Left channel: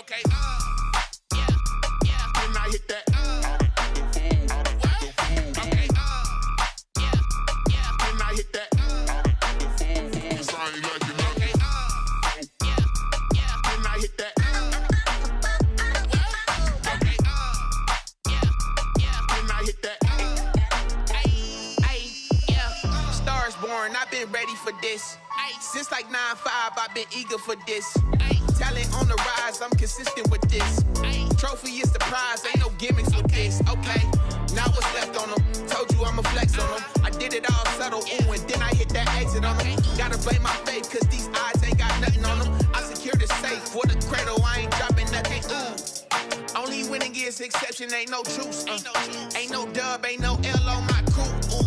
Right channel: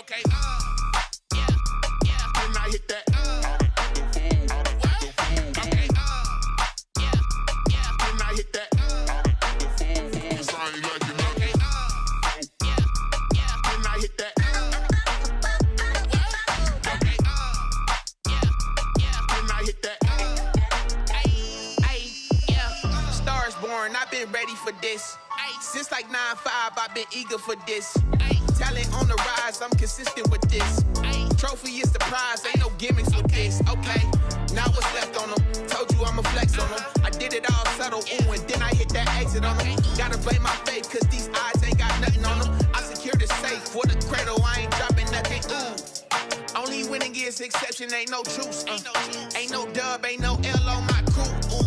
Okay. Yeah. Then I hit that. Okay. Yeah. Then I hit that. Cause I ain't like it. Okay. Yeah. Then I hit that. Okay. Yeah. Then I hit that. Yeah. Stars born. I've been ready for this. Since like 9-5, I've been eager for this. Talent on the rise, I'm consistent with this. Trophy is the prize, ain't no gimmicks with this. Okay, now what's left on them? Told you I'ma flex on them. I did it all subtle, ooh, and then I hit that exit on them. Gotta blame my faith, cause these eyes ain't got nothing on them. I secured the safe for the cradle, I ain't dropping nothing, ooh. Only winning is exception, ain't no truce. Ain't no dub, ain't no L on my crew, ooh.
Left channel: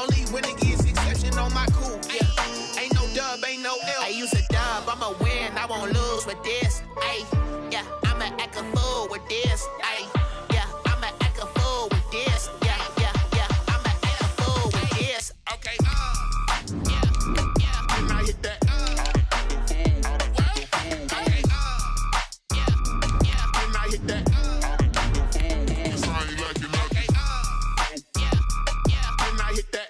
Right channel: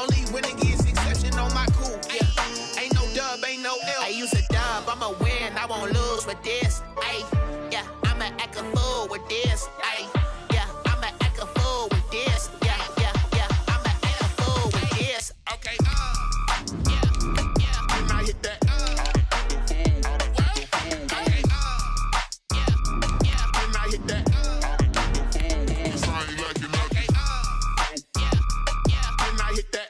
Only winning is exception on my crew, yeah. Ain't no dub, ain't no L. I use a dub, I'ma win, I won't lose with this. Ay, yeah, I'ma act a fool with this. Ay, yeah, I'ma act a fool with this. Yeah, I'ma act a fool with this. Okay, yeah, then I hit that. Okay, yeah, then I hit that. Cause I ain't like it, okay, yeah, then I hit that.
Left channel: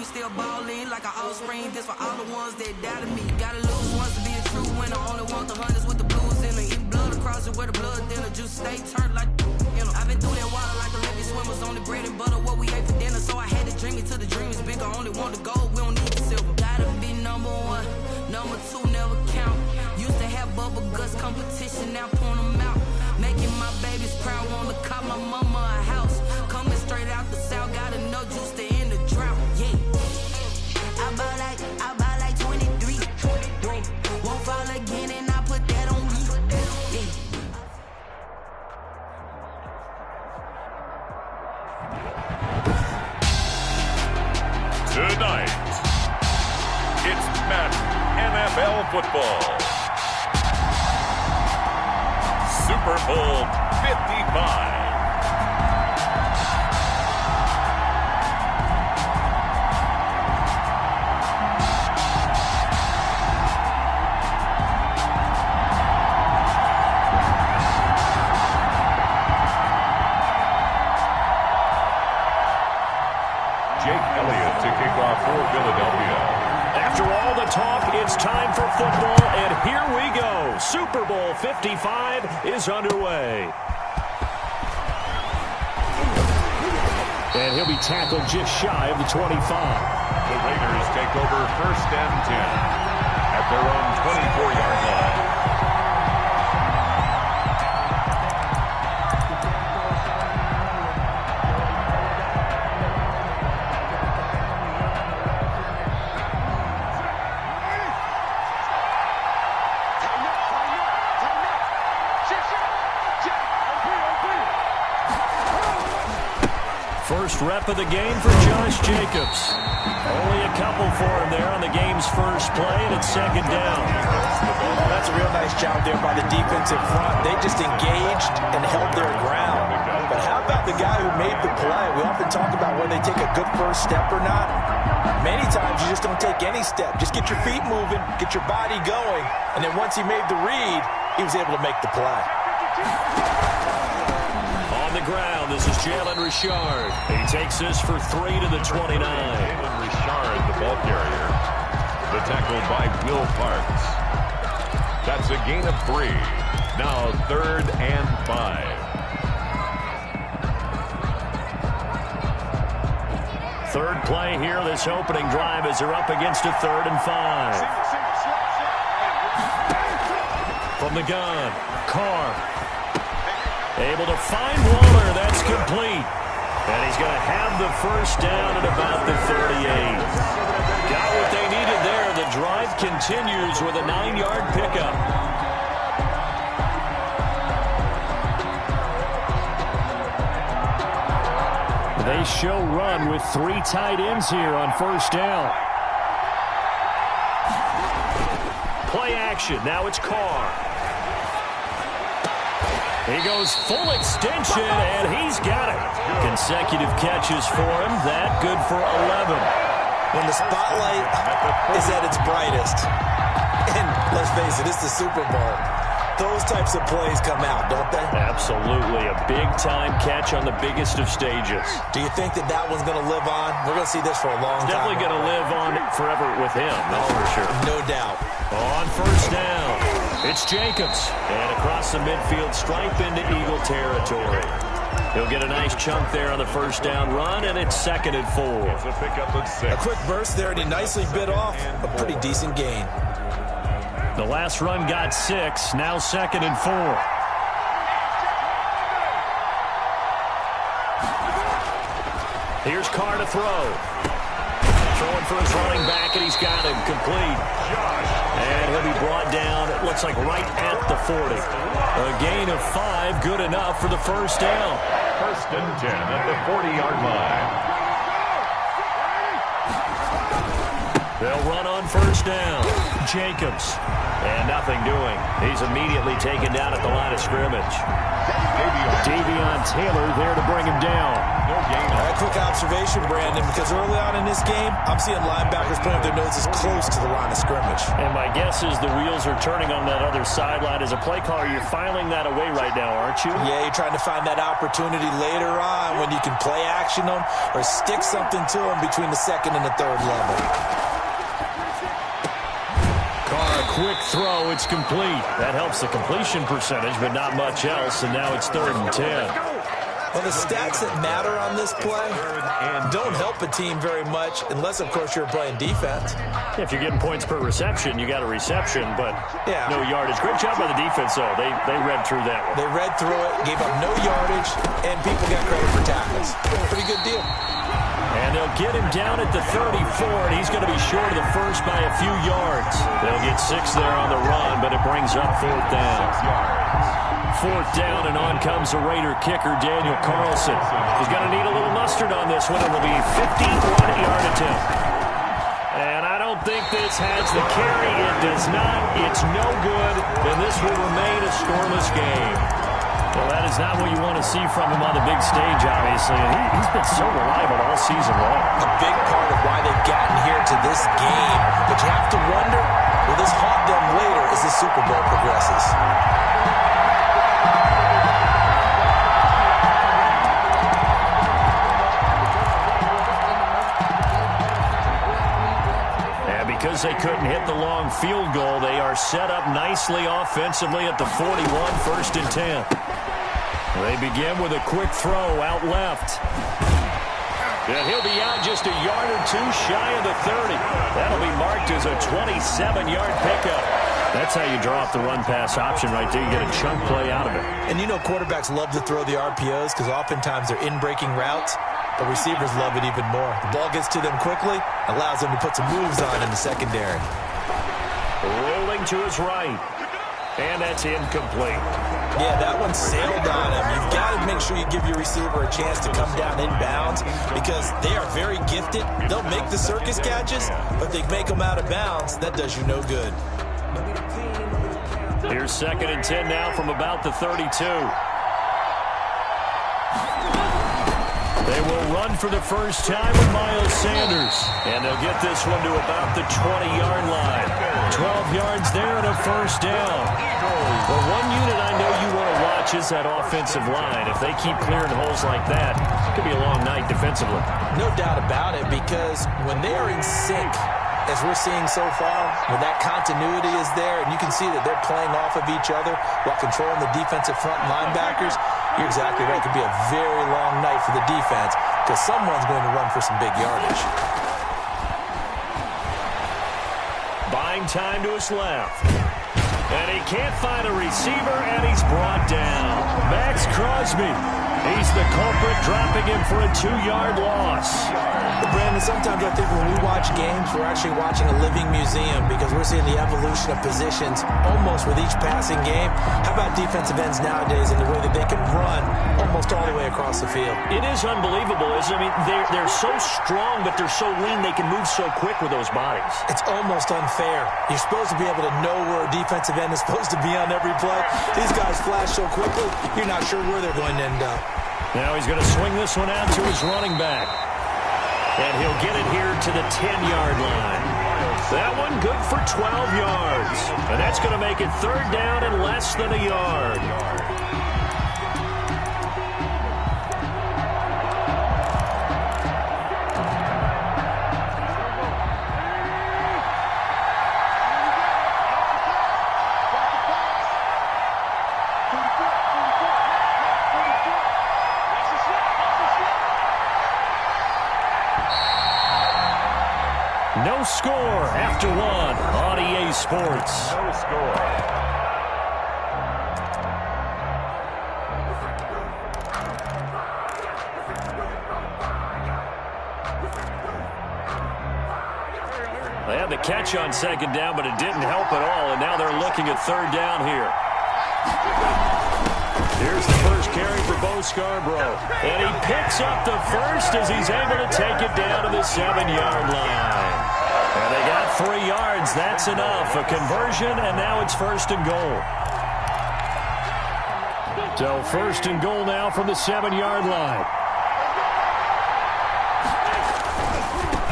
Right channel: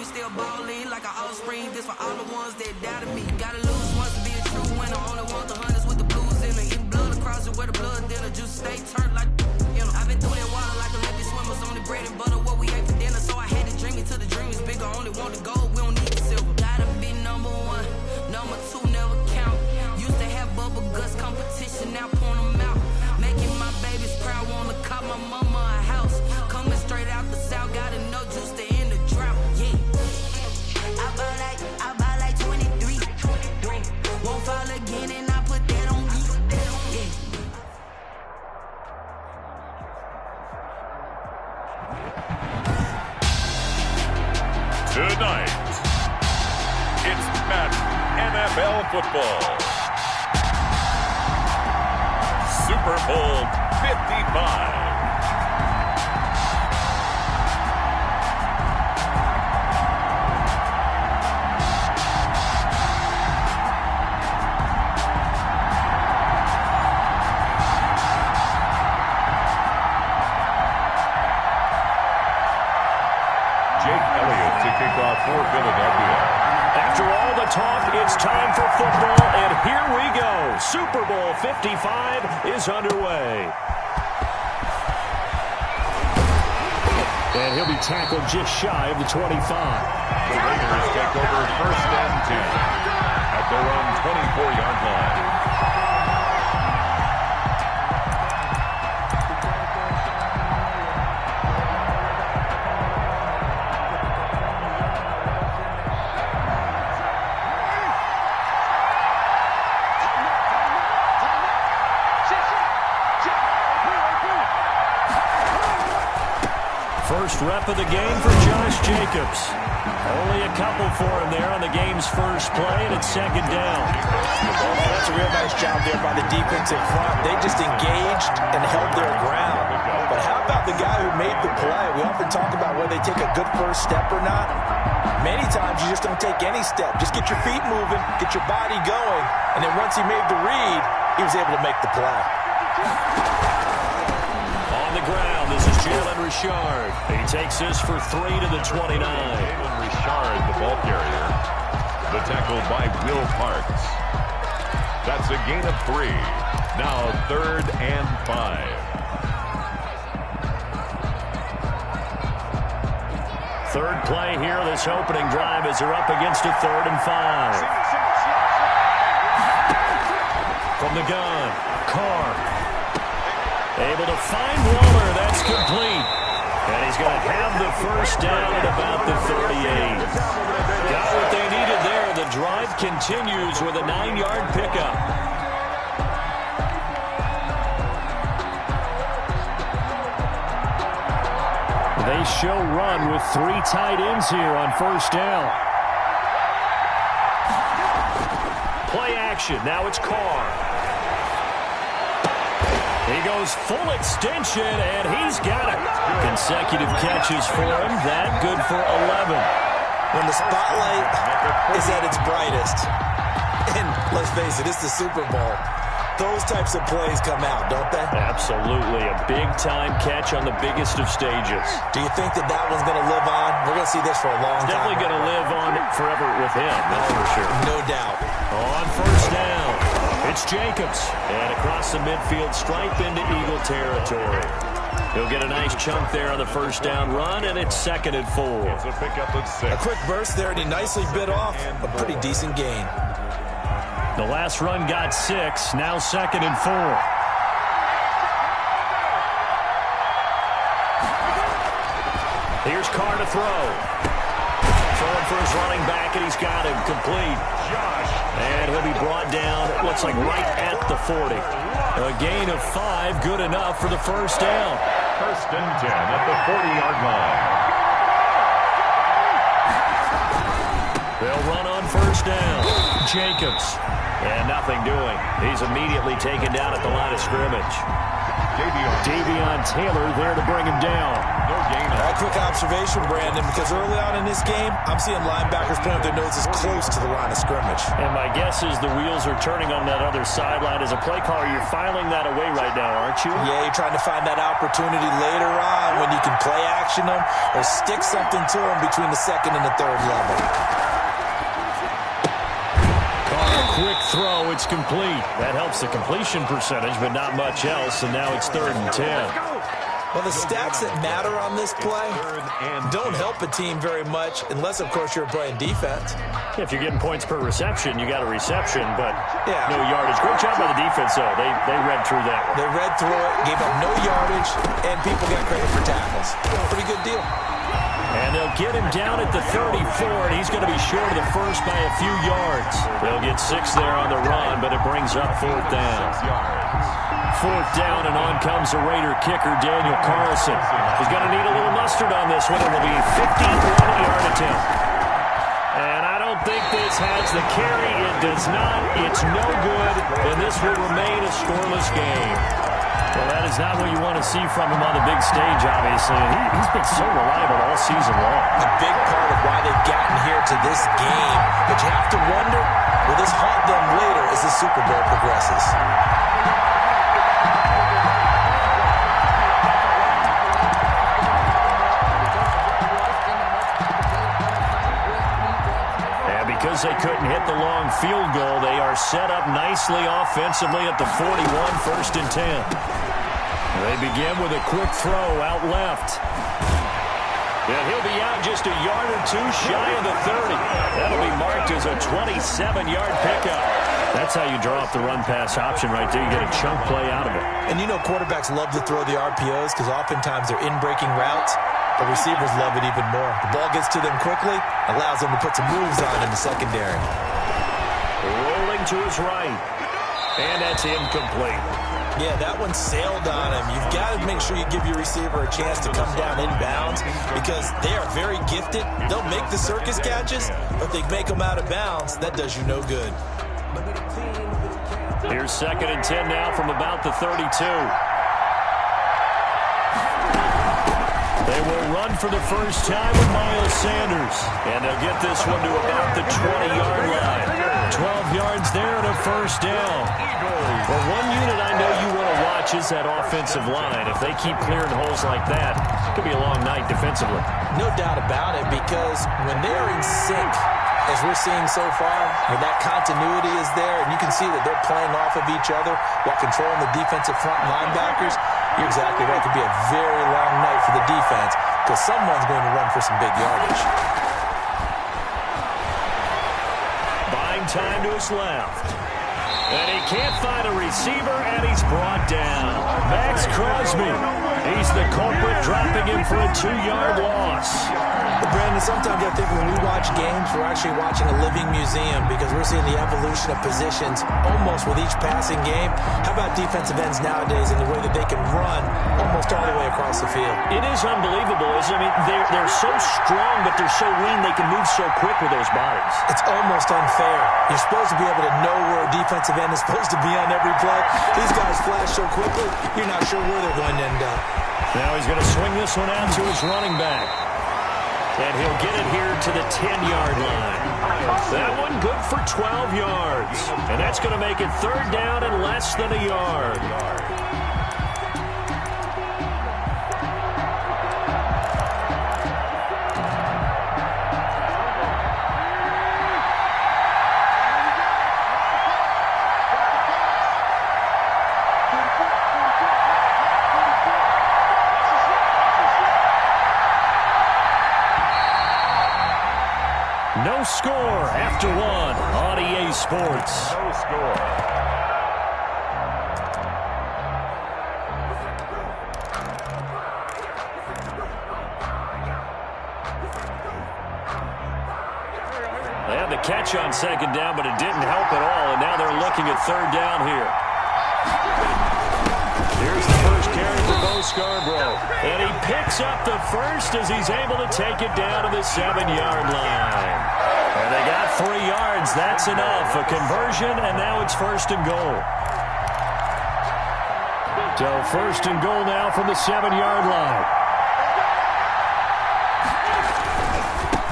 Still ballin' like an offspring. This for all the ones that doubted me. Gotta lose once to be a true winner. Only want the hunters with the blues in it. Eating blood across it where the blood thinner. Juice stay turned like, you know. I've been through that water like Olympic swimmers. Only bread and butter what we ate for dinner. So I had to dream it till the dream is bigger. Only want the gold, we don't need the silver. Gotta be number one, number two never count. Used to have bubble guts competition, now point them out. Making my babies proud, wanna cop my mama a house. Coming straight out the south, gotta know juice to end the drought. Yeah. I buy like 23. Won't fall again and I put that on me. Yeah. Tonight, it's Madden NFL football. Super Bowl 55. To kick off for Philadelphia. After all the talk, it's time for football, and here we go. Super Bowl 55 is underway. And he'll be tackled just shy of the 25. The Raiders take over 1st and 10 at their own 24-yard line. First rep of the game for Josh Jacobs. Only a couple for him there on the game's first play, and it's second down. Well, that's a real nice job there by the defensive front. They just engaged and held their ground. But how about the guy who made the play? We often talk about whether they take a good first step or not. Many times you just don't take any step. Just get your feet moving, get your body going, and then once he made the read, he was able to make the play. On the ground, this is Jalen Richard. He takes this for 3 to the 29. Jalen Richard, the ball carrier. The tackle by Will Parks. That's a gain of 3. Now 3rd and 5. Third play here, this opening drive as they're up against a 3rd and 5. From the gun, Carr. Able to find Waller. That's complete. And he's going to have the first down at about the 38. Got what they needed there. The drive continues with a 9-yard pickup. They show run with 3 tight ends here on first down. Play action. Now it's Carr. He goes full extension, and he's got it. Consecutive catches for him. That good for 11. When the spotlight is at its brightest, and let's face it, it's the Super Bowl, those types of plays come out, don't they? Absolutely. A big-time catch on the biggest of stages. Do you think that that one's going to live on? We're going to see this for a long time. Definitely going to live on forever with him, that's for sure. No doubt. On first down, it's Jacobs. And across the midfield stripe into Eagle territory. He'll get a nice chunk there on the first down run, and it's 2nd and 4. It's a pickup of 6. A quick burst there, and he nicely bit off a pretty decent gain. The last run got 6, now 2nd and 4. Here's Carr to throw. Throwing for his running back, and he's got him complete. And he'll be brought down, it looks like right at the 40. A gain of 5, good enough for the first down. 1st and 10 at the 40-yard line. They'll run on first down. Jacobs. And nothing doing. He's immediately taken down at the line of scrimmage. Davion Taylor there to bring him down. No gain. A quick observation, Brandon, because early on in this game, I'm seeing linebackers putting up their noses close to the line of scrimmage. And my guess is the wheels are turning on that other sideline. As a play caller, you're filing that away right now, aren't you? Yeah, you're trying to find that opportunity later on when you can play action them or stick something to them between the 2nd and the 3rd level. Carr, quick throw, it's complete. That helps the completion percentage, but not much else, and now it's 3rd and 10. Well, the stats that matter on this play don't help a team very much unless, of course, you're playing defense. If you're getting points per reception, you got a reception, but no yardage. Great job by the defense, though. They read through that one. They read through it, gave up no yardage, and people got credit for tackles. Pretty good deal. And they'll get him down at the 34, and he's going to be short of the first by a few yards. They'll get 6 there on the run, but it brings up 4th down. 4th down, and on comes the Raider kicker, Daniel Carlson. He's going to need a little mustard on this one. It will be a 51-yard attempt. And I don't think this has the carry. It does not. It's no good, and this will remain a scoreless game. Well, that is not what you want to see from him on the big stage, obviously. And he's been so reliable all season long. A big part of why they've gotten here to this game. But you have to wonder, will this haunt them later as the Super Bowl progresses? And because they couldn't hit the long field goal, they are set up nicely offensively at the 41, 1st and 10. They begin with a quick throw out left. And he'll be out just a yard or 2 shy of the 30. That'll be marked as a 27-yard pickup. That's how you draw up the run-pass option right there. You get a chunk play out of it. And you know quarterbacks love to throw the RPOs because oftentimes they're in-breaking routes. But receivers love it even more. The ball gets to them quickly, allows them to put some moves on in the secondary. Rolling to his right. And that's incomplete. Yeah, that one sailed on him. You've got to make sure you give your receiver a chance to come down inbounds because they are very gifted. They'll make the circus catches, but they make them out of bounds. That does you no good. Here's 2nd and 10 now from about the 32. They will run for the first time with Miles Sanders. And they'll get this one to about the 20-yard line. 12 yards there and a first down. Well, one unit I know you want to watch is that offensive line. If they keep clearing holes like that, it could be a long night defensively. No doubt about it, because when they're in sync, as we're seeing so far, when that continuity is there, and you can see that they're playing off of each other while controlling the defensive front linebackers, you're exactly right. It could be a very long night for the defense because someone's going to run for some big yardage. Buying time to his left. And he can't find a receiver, and he's brought down. Max Crosby. He's the culprit, dropping him for a 2-yard loss. Well, Brandon, sometimes I think when we watch games, we're actually watching a living museum because we're seeing the evolution of positions almost with each passing game. How about defensive ends nowadays and the way that they can run almost all the way across the field? It is unbelievable, isn't it? I mean, they're so strong, but they're so lean, they can move so quick with those bodies. It's almost unfair. You're supposed to be able to know where a defensive end is supposed to be on every play. These guys flash so quickly, you're not sure where they're going to end up. Now he's going to swing this one out to his running back. And he'll get it here to the 10-yard line. That one good for 12 yards. And that's going to make it 3rd down and less than a yard. No score after one on EA Sports. No score. They had the catch on 2nd down, but it didn't help at all, and now they're looking at 3rd down here. Here's the first carry for Bo Scarborough. And he picks up the first as he's able to take it down to the 7-yard line. And they got 3 yards. That's enough. A conversion, and now it's 1st and goal. So 1st and goal now from the 7-yard line.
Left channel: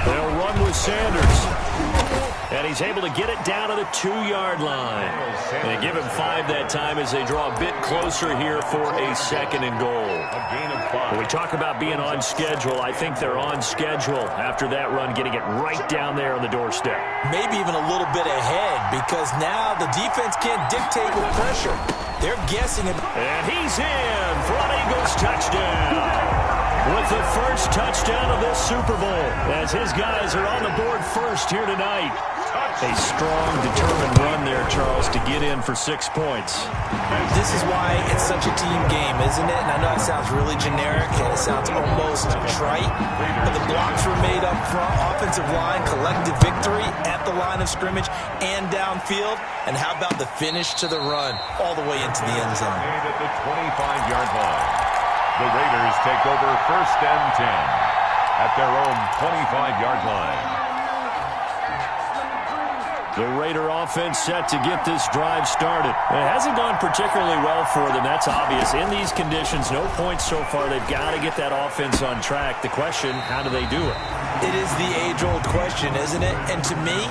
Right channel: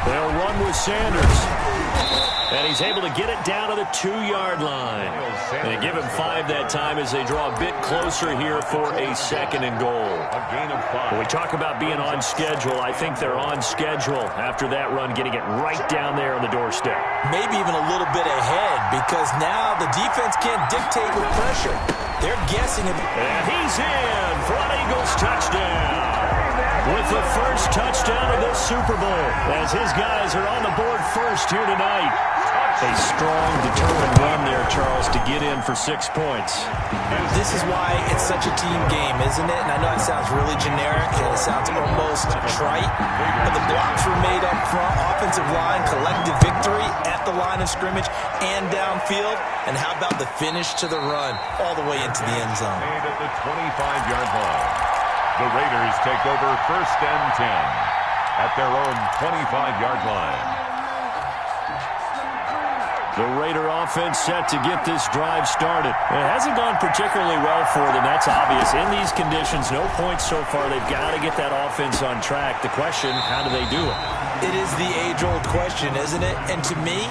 They'll run with Sanders. And he's able to get it down to the 2-yard line. And they give him 5 that time as they draw a bit closer here for a 2nd and goal. A gain of 5. When we talk about being on schedule, I think they're on schedule after that run, getting it right down there on the doorstep. Maybe even a little bit ahead because now the defense can't dictate with pressure. They're guessing it. And he's in for an Eagles touchdown. With the first touchdown of this Super Bowl, as his guys are on the board first here tonight. A strong, determined run there, Charles, to get in for 6 points. This is why it's such a team game, isn't it? And I know it sounds really generic and it sounds almost trite, but the blocks were made up front, offensive line, collective victory at the line of scrimmage and downfield. And how about the finish to the run all the way into the end zone? Made at the 25-yard line. The Raiders take over 1st and 10 at their own 25-yard line. The Raider offense set to get this drive started. It hasn't gone particularly well for them. That's obvious. In these conditions, no points so far. They've got to get that offense on track. The question, how do they do it? It is the age-old question, isn't it? And to me,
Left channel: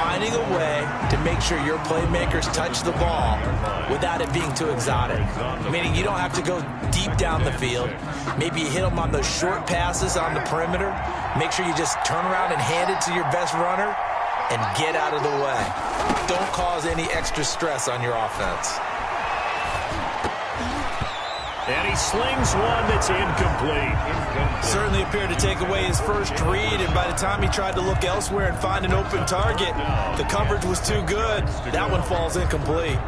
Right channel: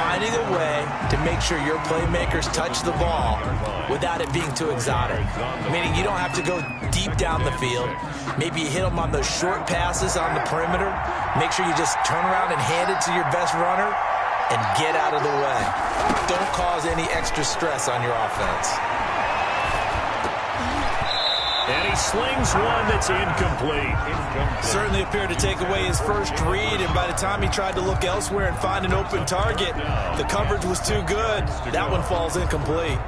finding a way to make sure your playmakers touch the ball without it being too exotic. Meaning you don't have to go deep down the field. Maybe you hit them on those short passes on the perimeter. Make sure you just turn around and hand it to your best runner and get out of the way. Don't cause any extra stress on your offense. And he slings one that's incomplete. Certainly appeared to take away his first read, and by the time he tried to look elsewhere and find an open target, the coverage was too good. That one falls incomplete.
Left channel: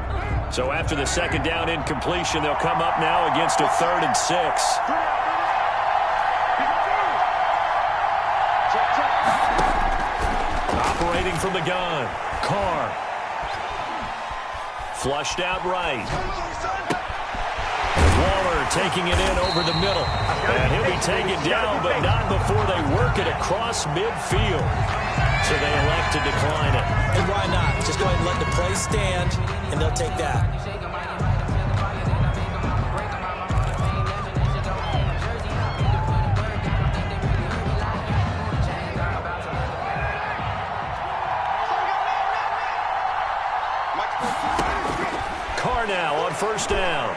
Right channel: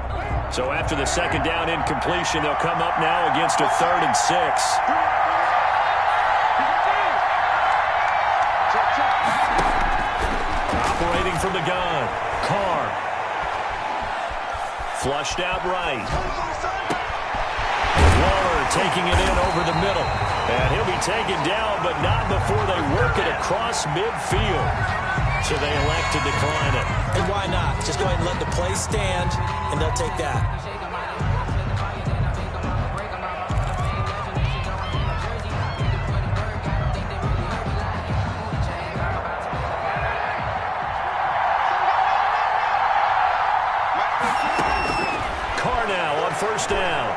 So after the 2nd down incompletion, they'll come up now against a 3rd and 6. Operating from the gun, Carr. Flushed out right. Waller taking it in over the middle. And he'll be taken down, but not before they work it across midfield. So they elect to decline it. And why not? Just go ahead and let the play stand, and they'll take that. Carr now on first down.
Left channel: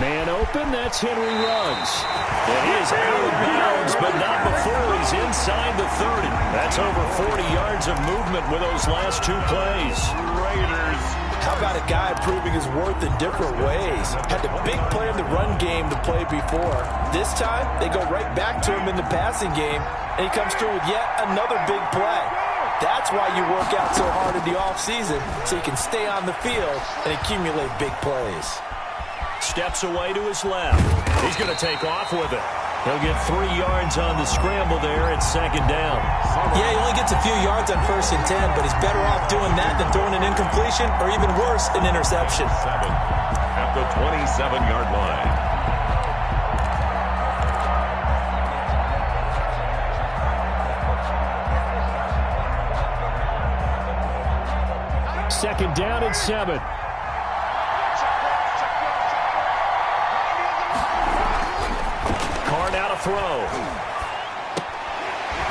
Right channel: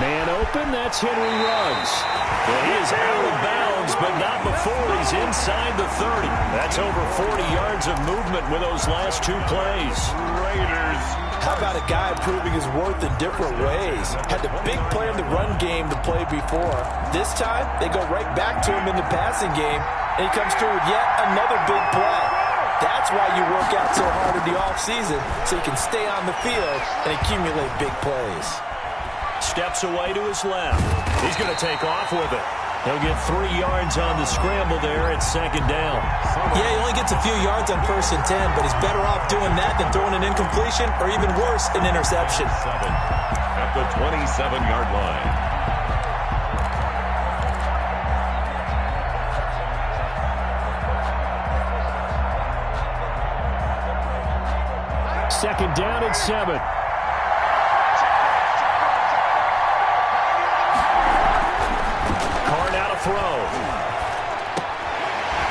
Man open, that's Henry Ruggs. And he is out of bounds, but not before he's inside the 30. That's over 40 yards of movement with those last two plays. Raiders. How about a guy proving his worth in different ways? Had the big play in the run game to play before. This time, they go right back to him in the passing game, and he comes through with yet another big play. That's why you work out so hard in the offseason, so you can stay on the field and accumulate big plays. Steps away to his left. He's going to take off with it. He'll get 3 yards on the scramble there at second down. Yeah, he only gets a few yards on 1st and 10, but he's better off doing that than throwing an incompletion or even worse, an interception. 7 at the 27-yard line. Second down and 7. Carr now to throw.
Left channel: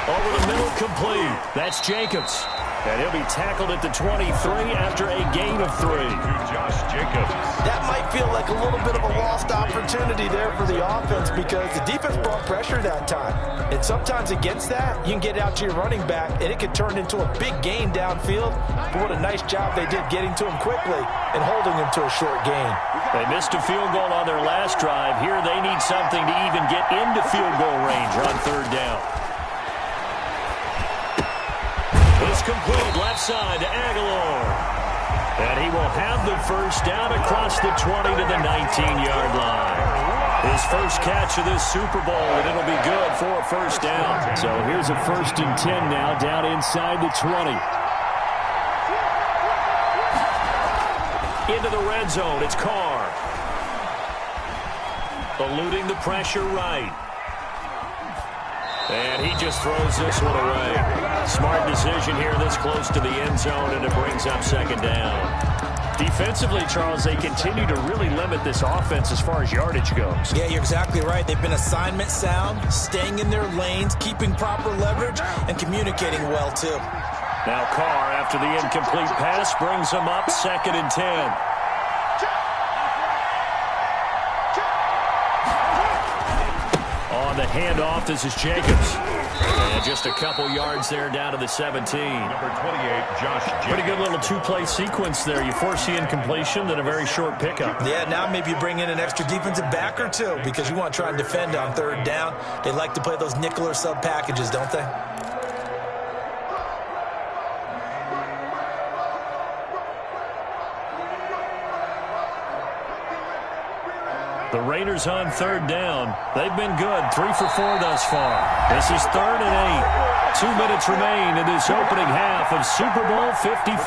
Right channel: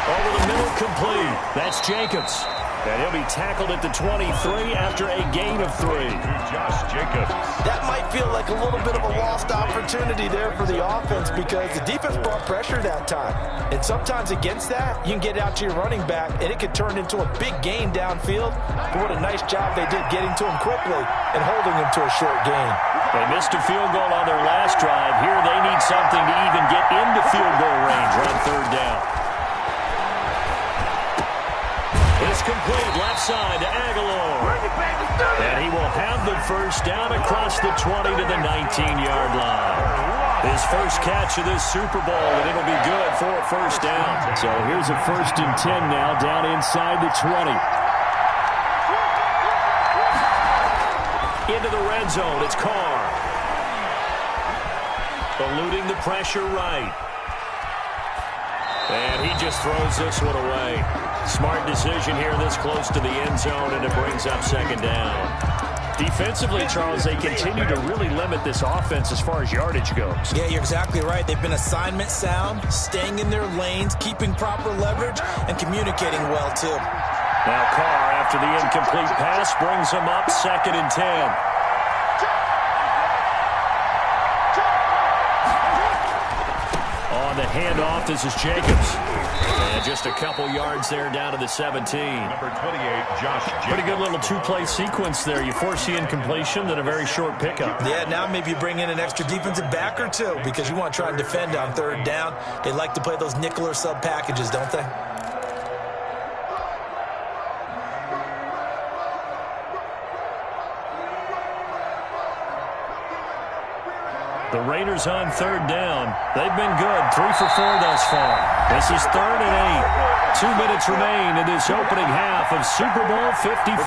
Over the middle, complete. That's Jacobs. And he'll be tackled at the 23 after a gain of 3. Josh Jacobs. That might feel like a little bit of a lost opportunity there for the offense because the defense brought pressure that time. And sometimes against that, you can get out to your running back, and it could turn into a big gain downfield. But what a nice job they did getting to him quickly and holding him to a short gain. They missed a field goal on their last drive. Here they need something to even get into field goal range on third down. It's complete left side to Aguilar. And he will have the first down across the 20 to the 19-yard line. His first catch of this Super Bowl, and it'll be good for a first down. So here's a 1st and 10 now down inside the 20. Into the red zone, it's Carr. Eluding the pressure right. And he just throws this one away. Smart decision here this close to the end zone, and it brings up second down. Defensively, Charles, they continue to really limit this offense as far as yardage goes. Yeah, you're exactly right. They've been assignment sound, staying in their lanes, keeping proper leverage, and communicating well, too. Now Carr, after the incomplete pass, brings them up 2nd and 10. On the handoff, this is Jacobs. And just a couple yards there down to the 17. Number 28, Josh Jacobs. Pretty good little two-play sequence there. You force the incompletion, then a very short pickup. Yeah, now maybe you bring in an extra defensive back or two because you want to try and defend on third down. They like to play those nickel or sub packages, don't they? The Raiders on third down. They've been good. 3 for 4 thus far. This is 3rd and 8. 2 minutes remain in this opening half of Super Bowl 55.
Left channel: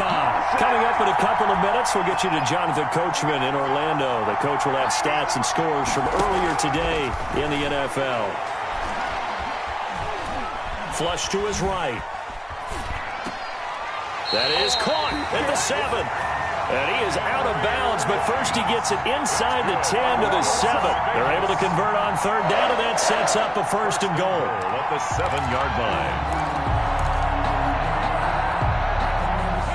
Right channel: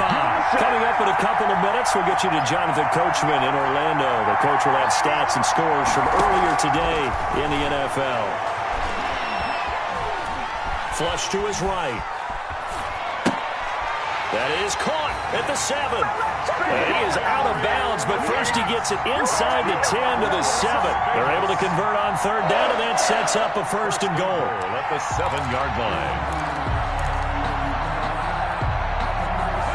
Coming up in a couple of minutes, we'll get you to Jonathan Coachman in Orlando. The coach will have stats and scores from earlier today in the NFL. Flush to his right. That is caught at the 7. And he is out of bounds, but first he gets it inside the 10 to the 7. They're able to convert on third down, and that sets up a 1st and goal. At the 7-yard line.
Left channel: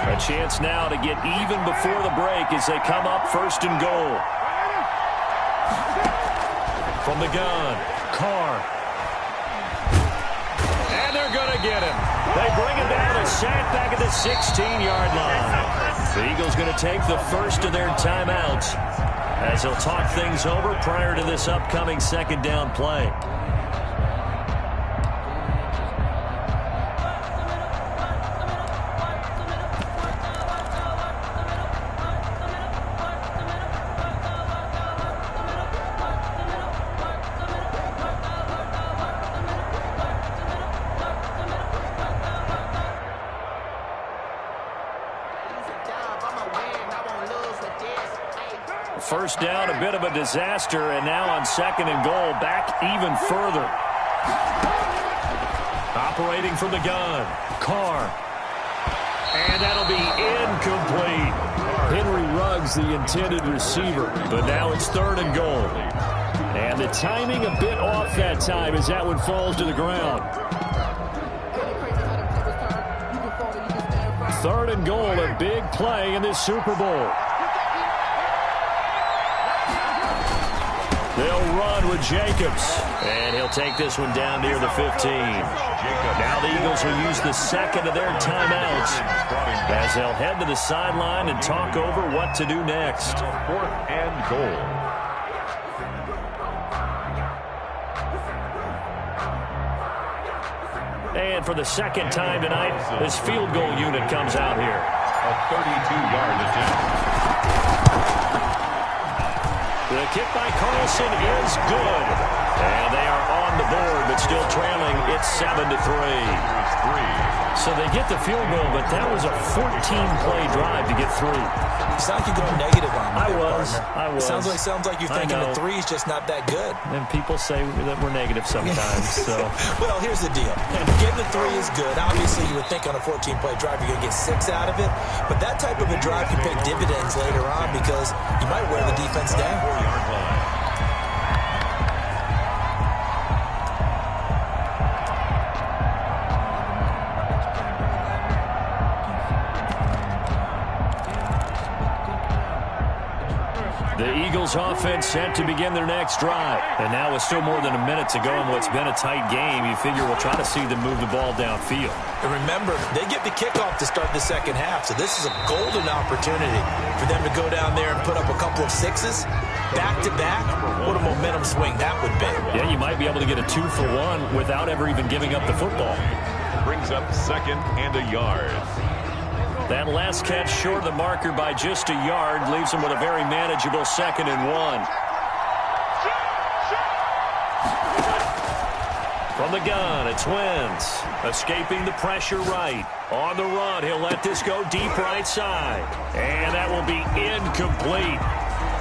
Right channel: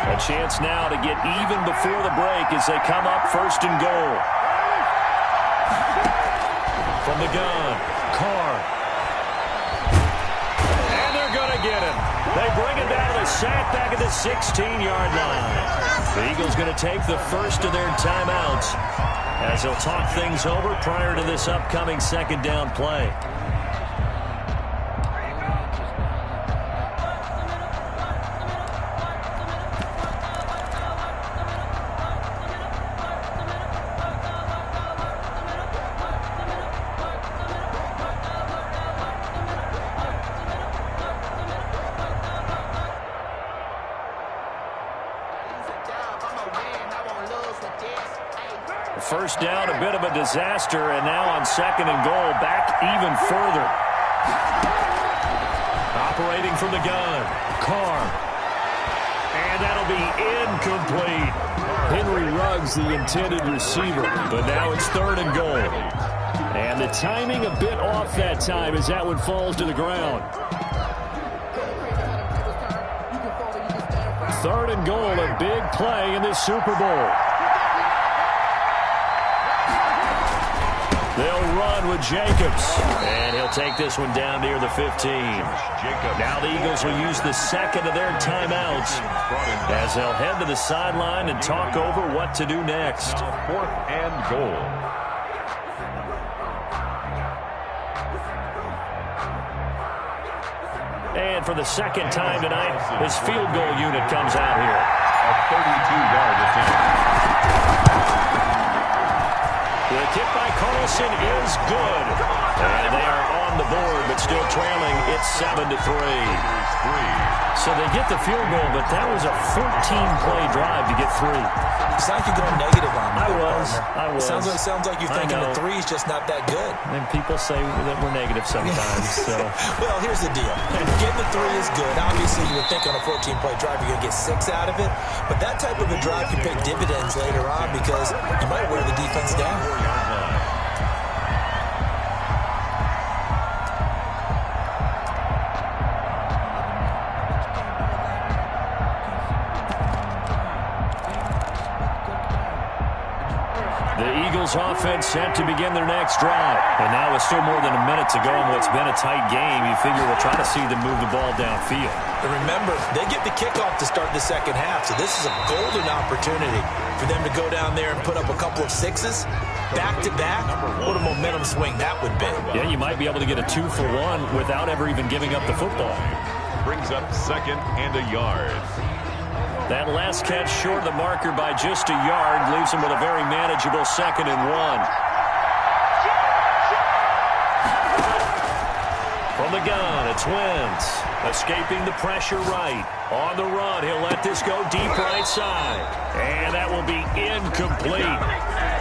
A chance now to get even before the break as they come up 1st and goal. From the gun, Carr. And they're going to get him. They bring him down to the sack back at the 16-yard line. The Eagles going to take the first of their timeouts as they'll talk things over prior to this upcoming 2nd down play. First down, a bit of a disaster, and now on 2nd and goal, back even further. Operating from the gun, Carr. And that'll be incomplete. Henry Ruggs, the intended receiver, but now it's 3rd and goal. And the timing a bit off that time as that one falls to the ground. 3rd and goal, a big play in this Super Bowl. They'll run with Jacobs, and he'll take this one down near the 15. Now the Eagles will use the second of their timeouts as they'll head to the sideline and talk over what to do next. 4th and goal. And for the second time tonight, his field goal unit comes out here. A 32-yard attempt. The kick by Carlson is good. And they are on the board, but still trailing. It's 7-3. So they get the field goal, but that was a 14-play drive to get 3. It's like you're going negative on me. I was. Sounds like you're thinking the 3 is just not that good. And people say that we're negative sometimes. So. Well, here's the deal. Getting the 3 is good. Obviously, you would think on a 14-play drive you're going to get 6 out of it. But that type of a drive can pay dividends later on because you might wear the defense down. 4-yard line. The Eagles offense set to begin their next drive. And now with still more than a minute to go in what's been a tight game, you figure we'll try to see them move the ball downfield. And remember, they get the kickoff to start the second half, so this is a golden opportunity for them to go down there and put up a couple of 6s back-to-back. What a momentum swing that would be. Yeah, you might be able to get a 2-for-1 without ever even giving up the football. Brings up 2nd and a yard. That last catch short of the marker by just a yard leaves him with a very manageable 2nd and 1. From the gun, it's Wentz. Escaping the pressure right. On the run, he'll let this go deep right side. And that will be incomplete.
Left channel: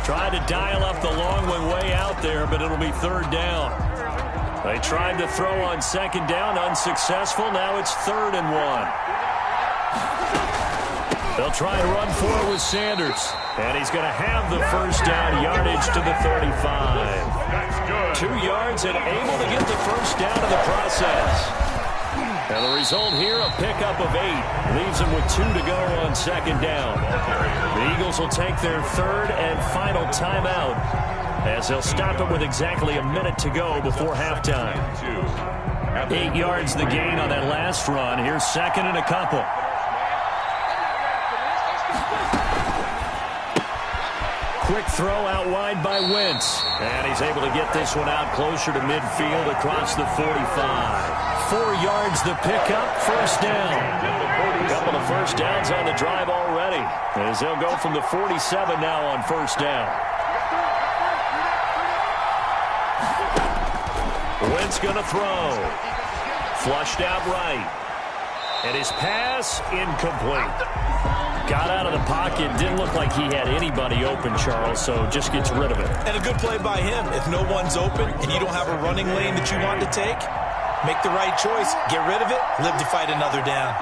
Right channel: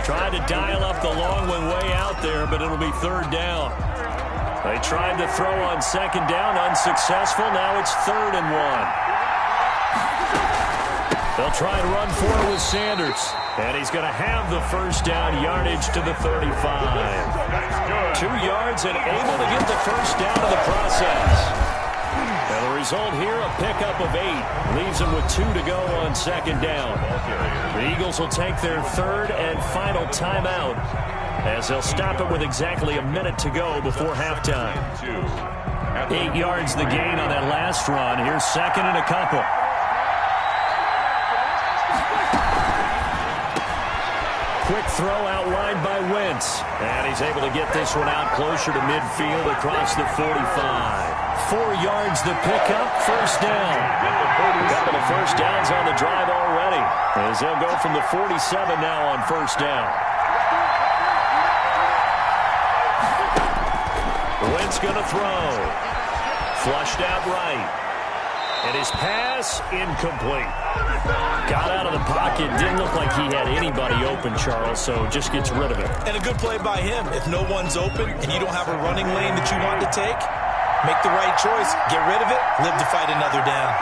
Tried to dial up the long one way out there, but it'll be 3rd down. They tried to throw on 2nd down, unsuccessful. Now it's 3rd and 1. They'll try and run for it with Sanders. And he's going to have the first down, yardage to the 35. 2 yards and able to get the first down in the process. And the result here, a pickup of 8. Leaves them with 2 to go on 2nd down. The Eagles will take their 3rd and final timeout as they'll stop it with exactly a minute to go before halftime. 8 yards the gain on that last run. Here's 2nd and a couple. Quick throw out wide by Wentz. And he's able to get this one out closer to midfield across the 45. 4 yards the pickup, first down. A couple of first downs on the drive already, as they'll go from the 47 now on first down. Wentz going to throw. Flushed out right. And his pass, incomplete. Got out of the pocket. Didn't look like he had anybody open, Charles, so just gets rid of it. And a good play by him. If no one's open and you don't have a running lane that you want to take, make the right choice. Get rid of it. Live to fight another down.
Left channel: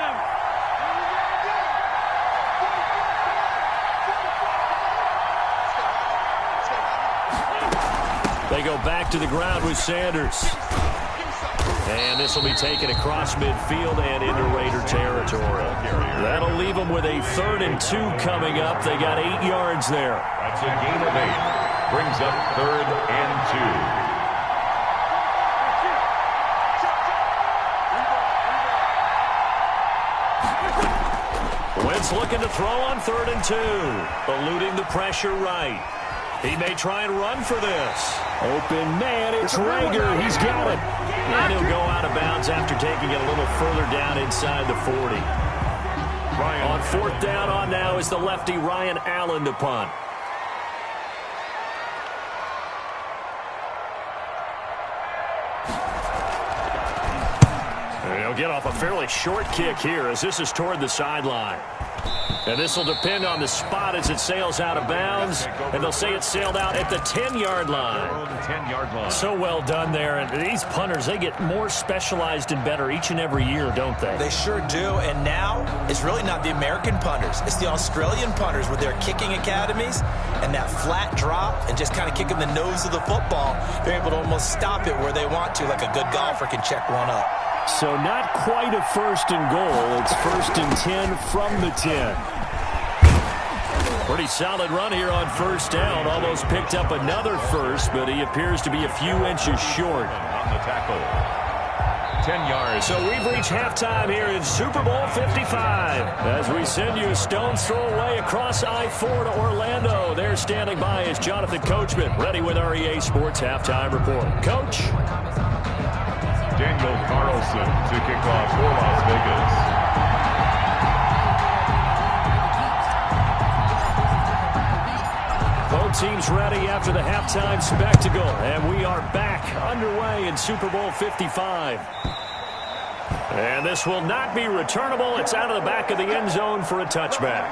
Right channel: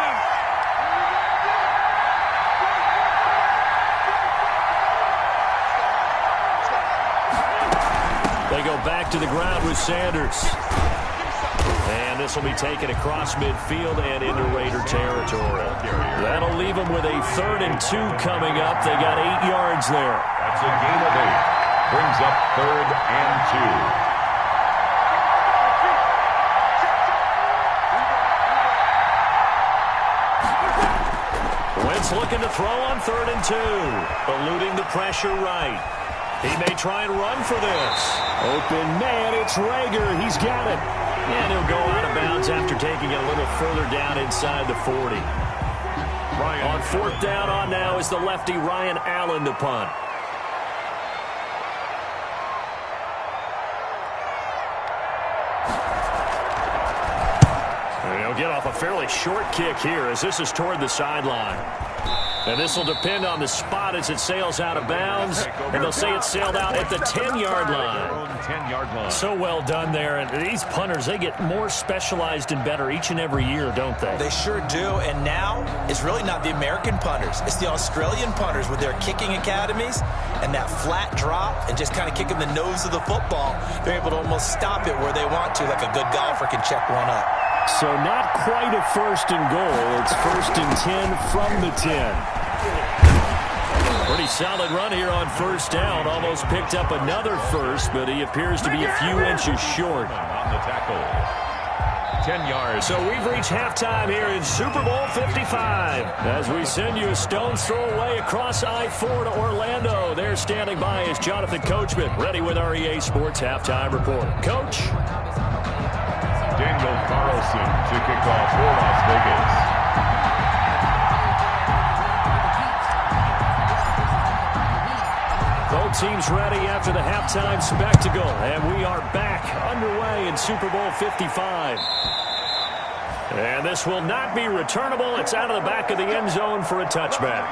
They go back to the ground with Sanders. And this will be taken across midfield and into Raider territory. That'll leave them with a 3rd and 2 coming up. They got 8 yards there. That's a gain of 8. Brings up 3rd and 2. Wentz looking to throw on 3rd and 2. Eluding the pressure right. He may try and run for this. Open man, it's Rager. He's got it. And he'll go out of bounds after taking it a little further down inside the 40. On 4th down on now is the lefty Ryan Allen to punt. And he'll get off a fairly short kick here as this is toward the sideline. And this will depend on the spot as it sails out of bounds. And they'll say it sailed out at the 10-yard line. So well done there. And these punters, they get more specialized and better each and every year, don't they? They sure do. And now it's really not the American punters. It's the Australian punters with their kicking academies and that flat drop and just kind of kicking the nose of the football. They're able to almost stop it where they want to, like a good golfer can check one up. So not quite a first and goal. It's first and 10 from the 10. Pretty solid run here on first down. Almost picked up another first, but he appears to be a few inches short. On the tackle. 10 yards. So we've reached halftime here in Super Bowl 55. As we send you a stone's throw away across I-4 to Orlando. There standing by is Jonathan Coachman, ready with our EA Sports Halftime Report. Coach? Daniel Carlson to kick off for Las Vegas. Both teams ready after the halftime spectacle, and we are back underway in Super Bowl 55. And this will not be returnable. It's out of the back of the end zone for a touchback.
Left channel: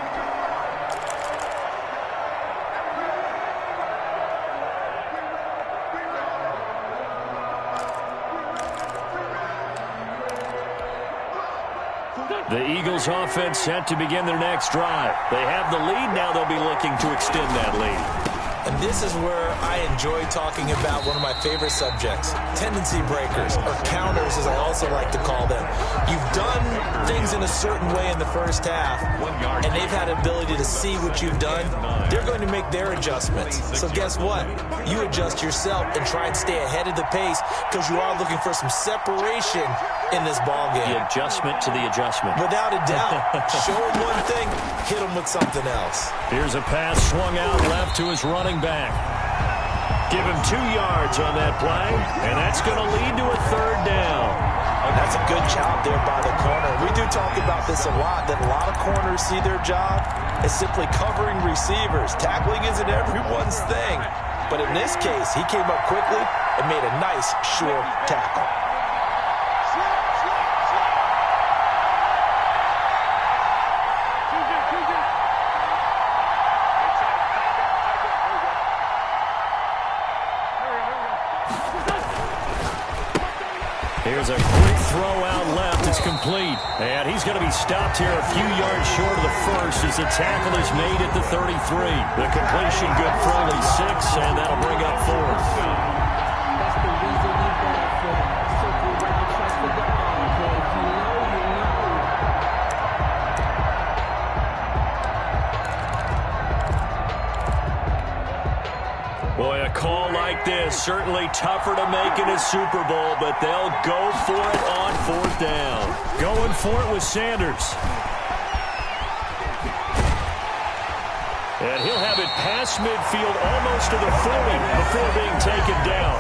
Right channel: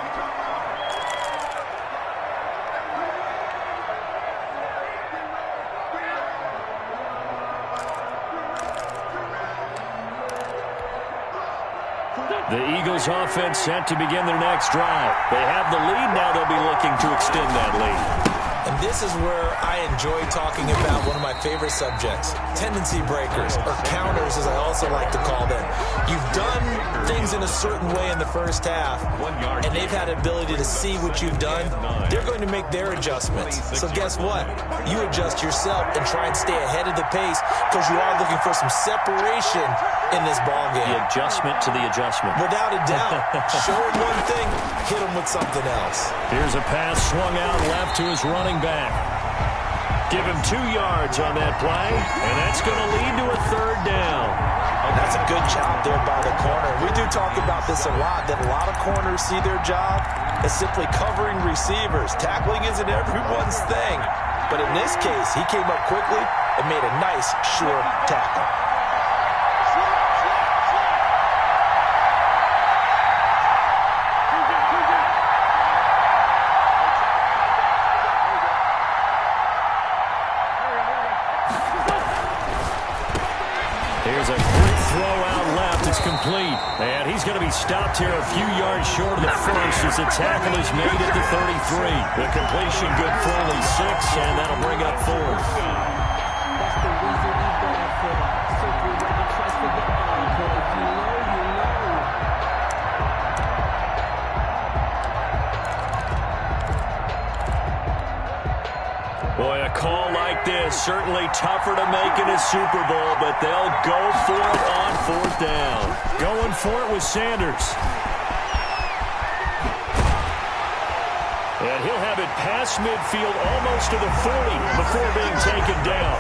The Eagles offense set to begin their next drive. They have the lead. Now they'll be looking to extend that lead. And this is where I enjoy talking about one of my favorite subjects, tendency breakers, or counters as I also like to call them. You've done things in a certain way in the first half, and they've had ability to see what you've done. They're going to make their adjustments. So guess what? You adjust yourself and try and stay ahead of the pace because you are looking for some separation in this ball game. The adjustment to the adjustment. Without a doubt. Show them one thing, hit them with something else. Here's a pass swung out left to his running back. Give him 2 yards on that play, and that's going to lead to a third down. That's a good job there by the corner. We do talk about this a lot, that a lot of corners see their job as simply covering receivers. Tackling isn't everyone's thing. But in this case, he came up quickly and made a nice, sure tackle. Here's a quick throw out left. It's complete. And he's going to be stopped here a few yards short of the first as the tackle is made at the 33. The completion good for only 6, and that'll bring up 4th. That's the reason we ball for. Circle right twice for the encore. If you know, you know. Boy, a call like this, certainly tougher to make in a Super Bowl, but they'll go for it on 4th down. Going for it with Sanders. And he'll have it past midfield almost to the 40 before being taken down.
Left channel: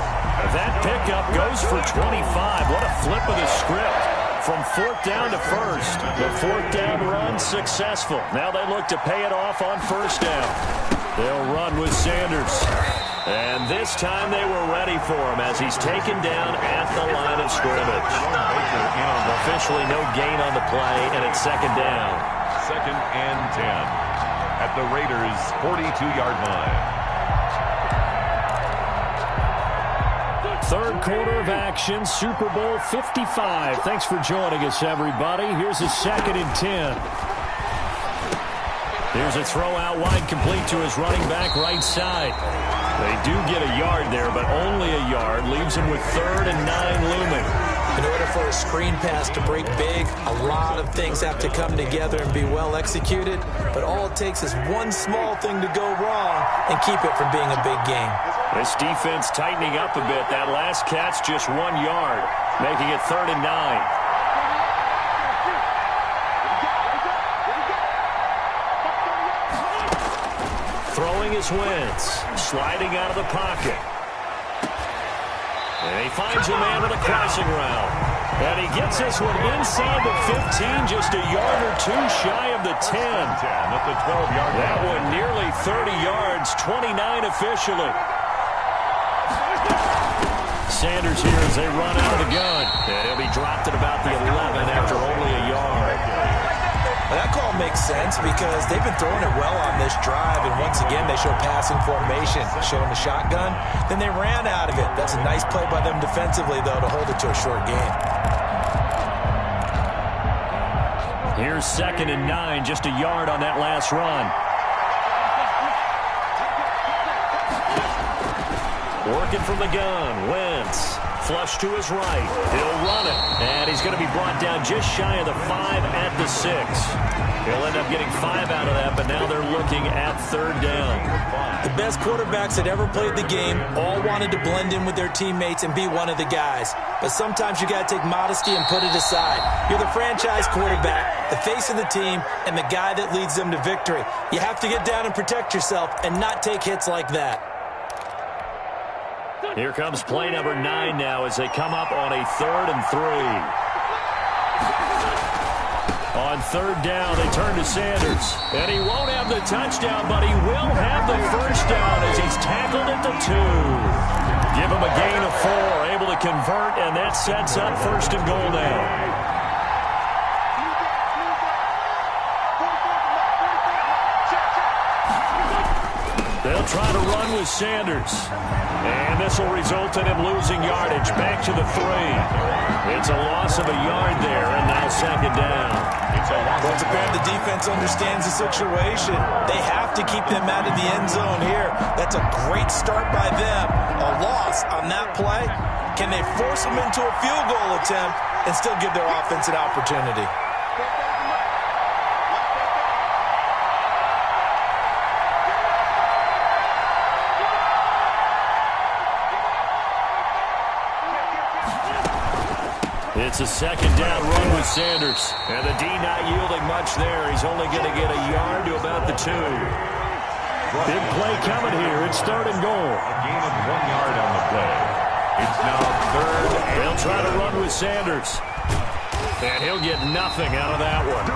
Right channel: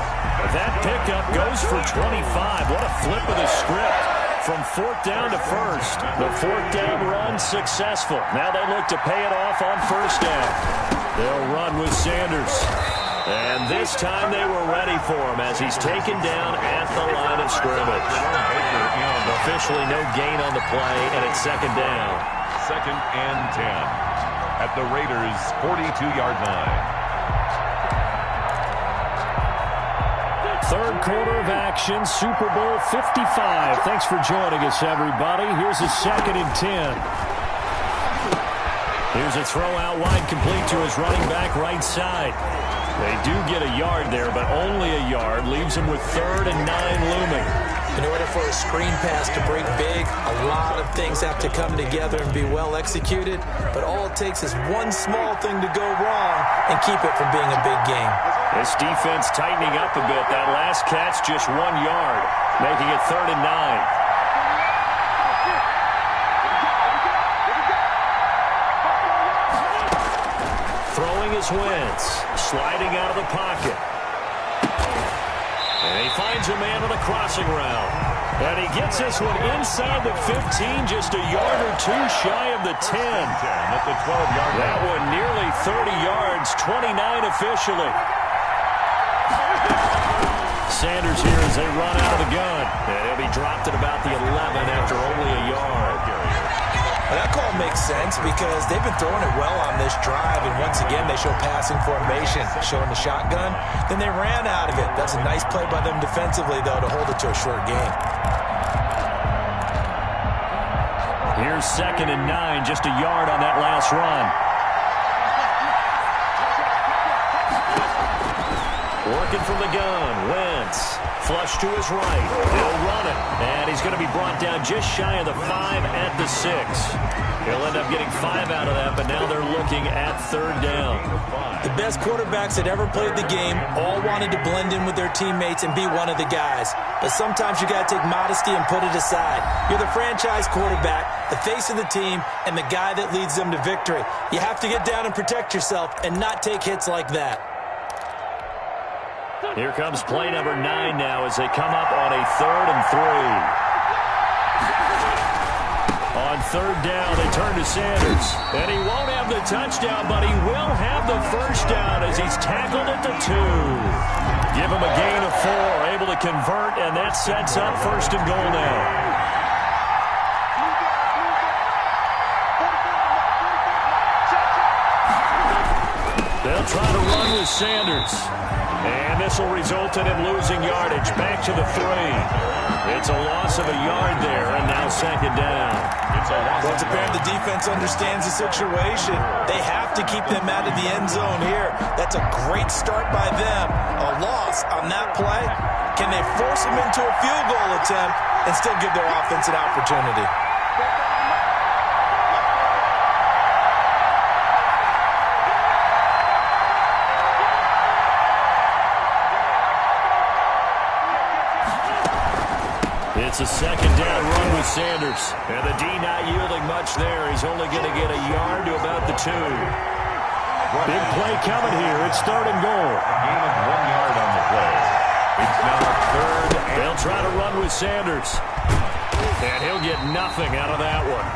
That pickup goes for 25. What a flip of the script. From 4th down to 1st. The 4th down run successful. Now they look to pay it off on 1st down. They'll run with Sanders. And this time they were ready for him as he's taken down at the line of scrimmage. Officially no gain on the play, and it's 2nd down. 2nd and 10 at the Raiders' 42-yard line. 3rd quarter of action, Super Bowl 55. Thanks for joining us, everybody. Here's a 2nd and 10. Here's a throw out wide, complete to his running back right side. They do get a yard there, but only a yard. Leaves him with 3rd and 9 looming. In order for a screen pass to break big, a lot of things have to come together and be well executed. But all it takes is one small thing to go wrong and keep it from being a big game. This defense tightening up a bit. That last catch just 1 yard, making it 3rd and 9. Throwing is Wentz, sliding out of the pocket. And he finds a man on a crossing route. And he gets this one inside the 15, just a yard or 2 shy of the 10. At the 12-yard line. That one nearly 30 yards, 29 officially. Sanders here as they run out of the gun. And he'll be dropped at about the 11 after only a yard. Well, that call makes sense because they've been throwing it well on this drive, and once again, they show passing formation, showing the shotgun. Then they ran out of it. That's a nice play by them defensively, though, to hold it to a short game. Here's 2nd and 9, just a yard on that last run. Working from the gun, Wentz. Flush to his right. He'll run it. And he's going to be brought down just shy of the 5 at the 6. He'll end up getting 5 out of that, but now they're looking at 3rd down. The best quarterbacks that ever played the game all wanted to blend in with their teammates and be one of the guys. But sometimes you got to take modesty and put it aside. You're the franchise quarterback, the face of the team, and the guy that leads them to victory. You have to get down and protect yourself and not take hits like that. Here comes play number 9 now as they come up on a 3rd and 3. On 3rd down, they turn to Sanders. And he won't have the touchdown, but he will have the first down as he's tackled at the 2. Give him a gain of 4, able to convert, and that sets up 1st and goal now. They'll try to run with Sanders. And this will result in him losing yardage back to the 3. It's a loss of a yard there, and now 2nd down. Well, it's apparent the defense understands the situation. They have to keep them out of the end zone here. That's a great start by them. A loss on that play. Can they force them into a field goal attempt and still give their offense an opportunity? It's a 2nd down run with Sanders. And the D not yielding much there. He's only going to get a yard to about the 2. Big play coming here. It's 3rd and goal. A gain of 1 yard on the play. It's now 3rd and they'll try to run with Sanders. And he'll get nothing out of that one.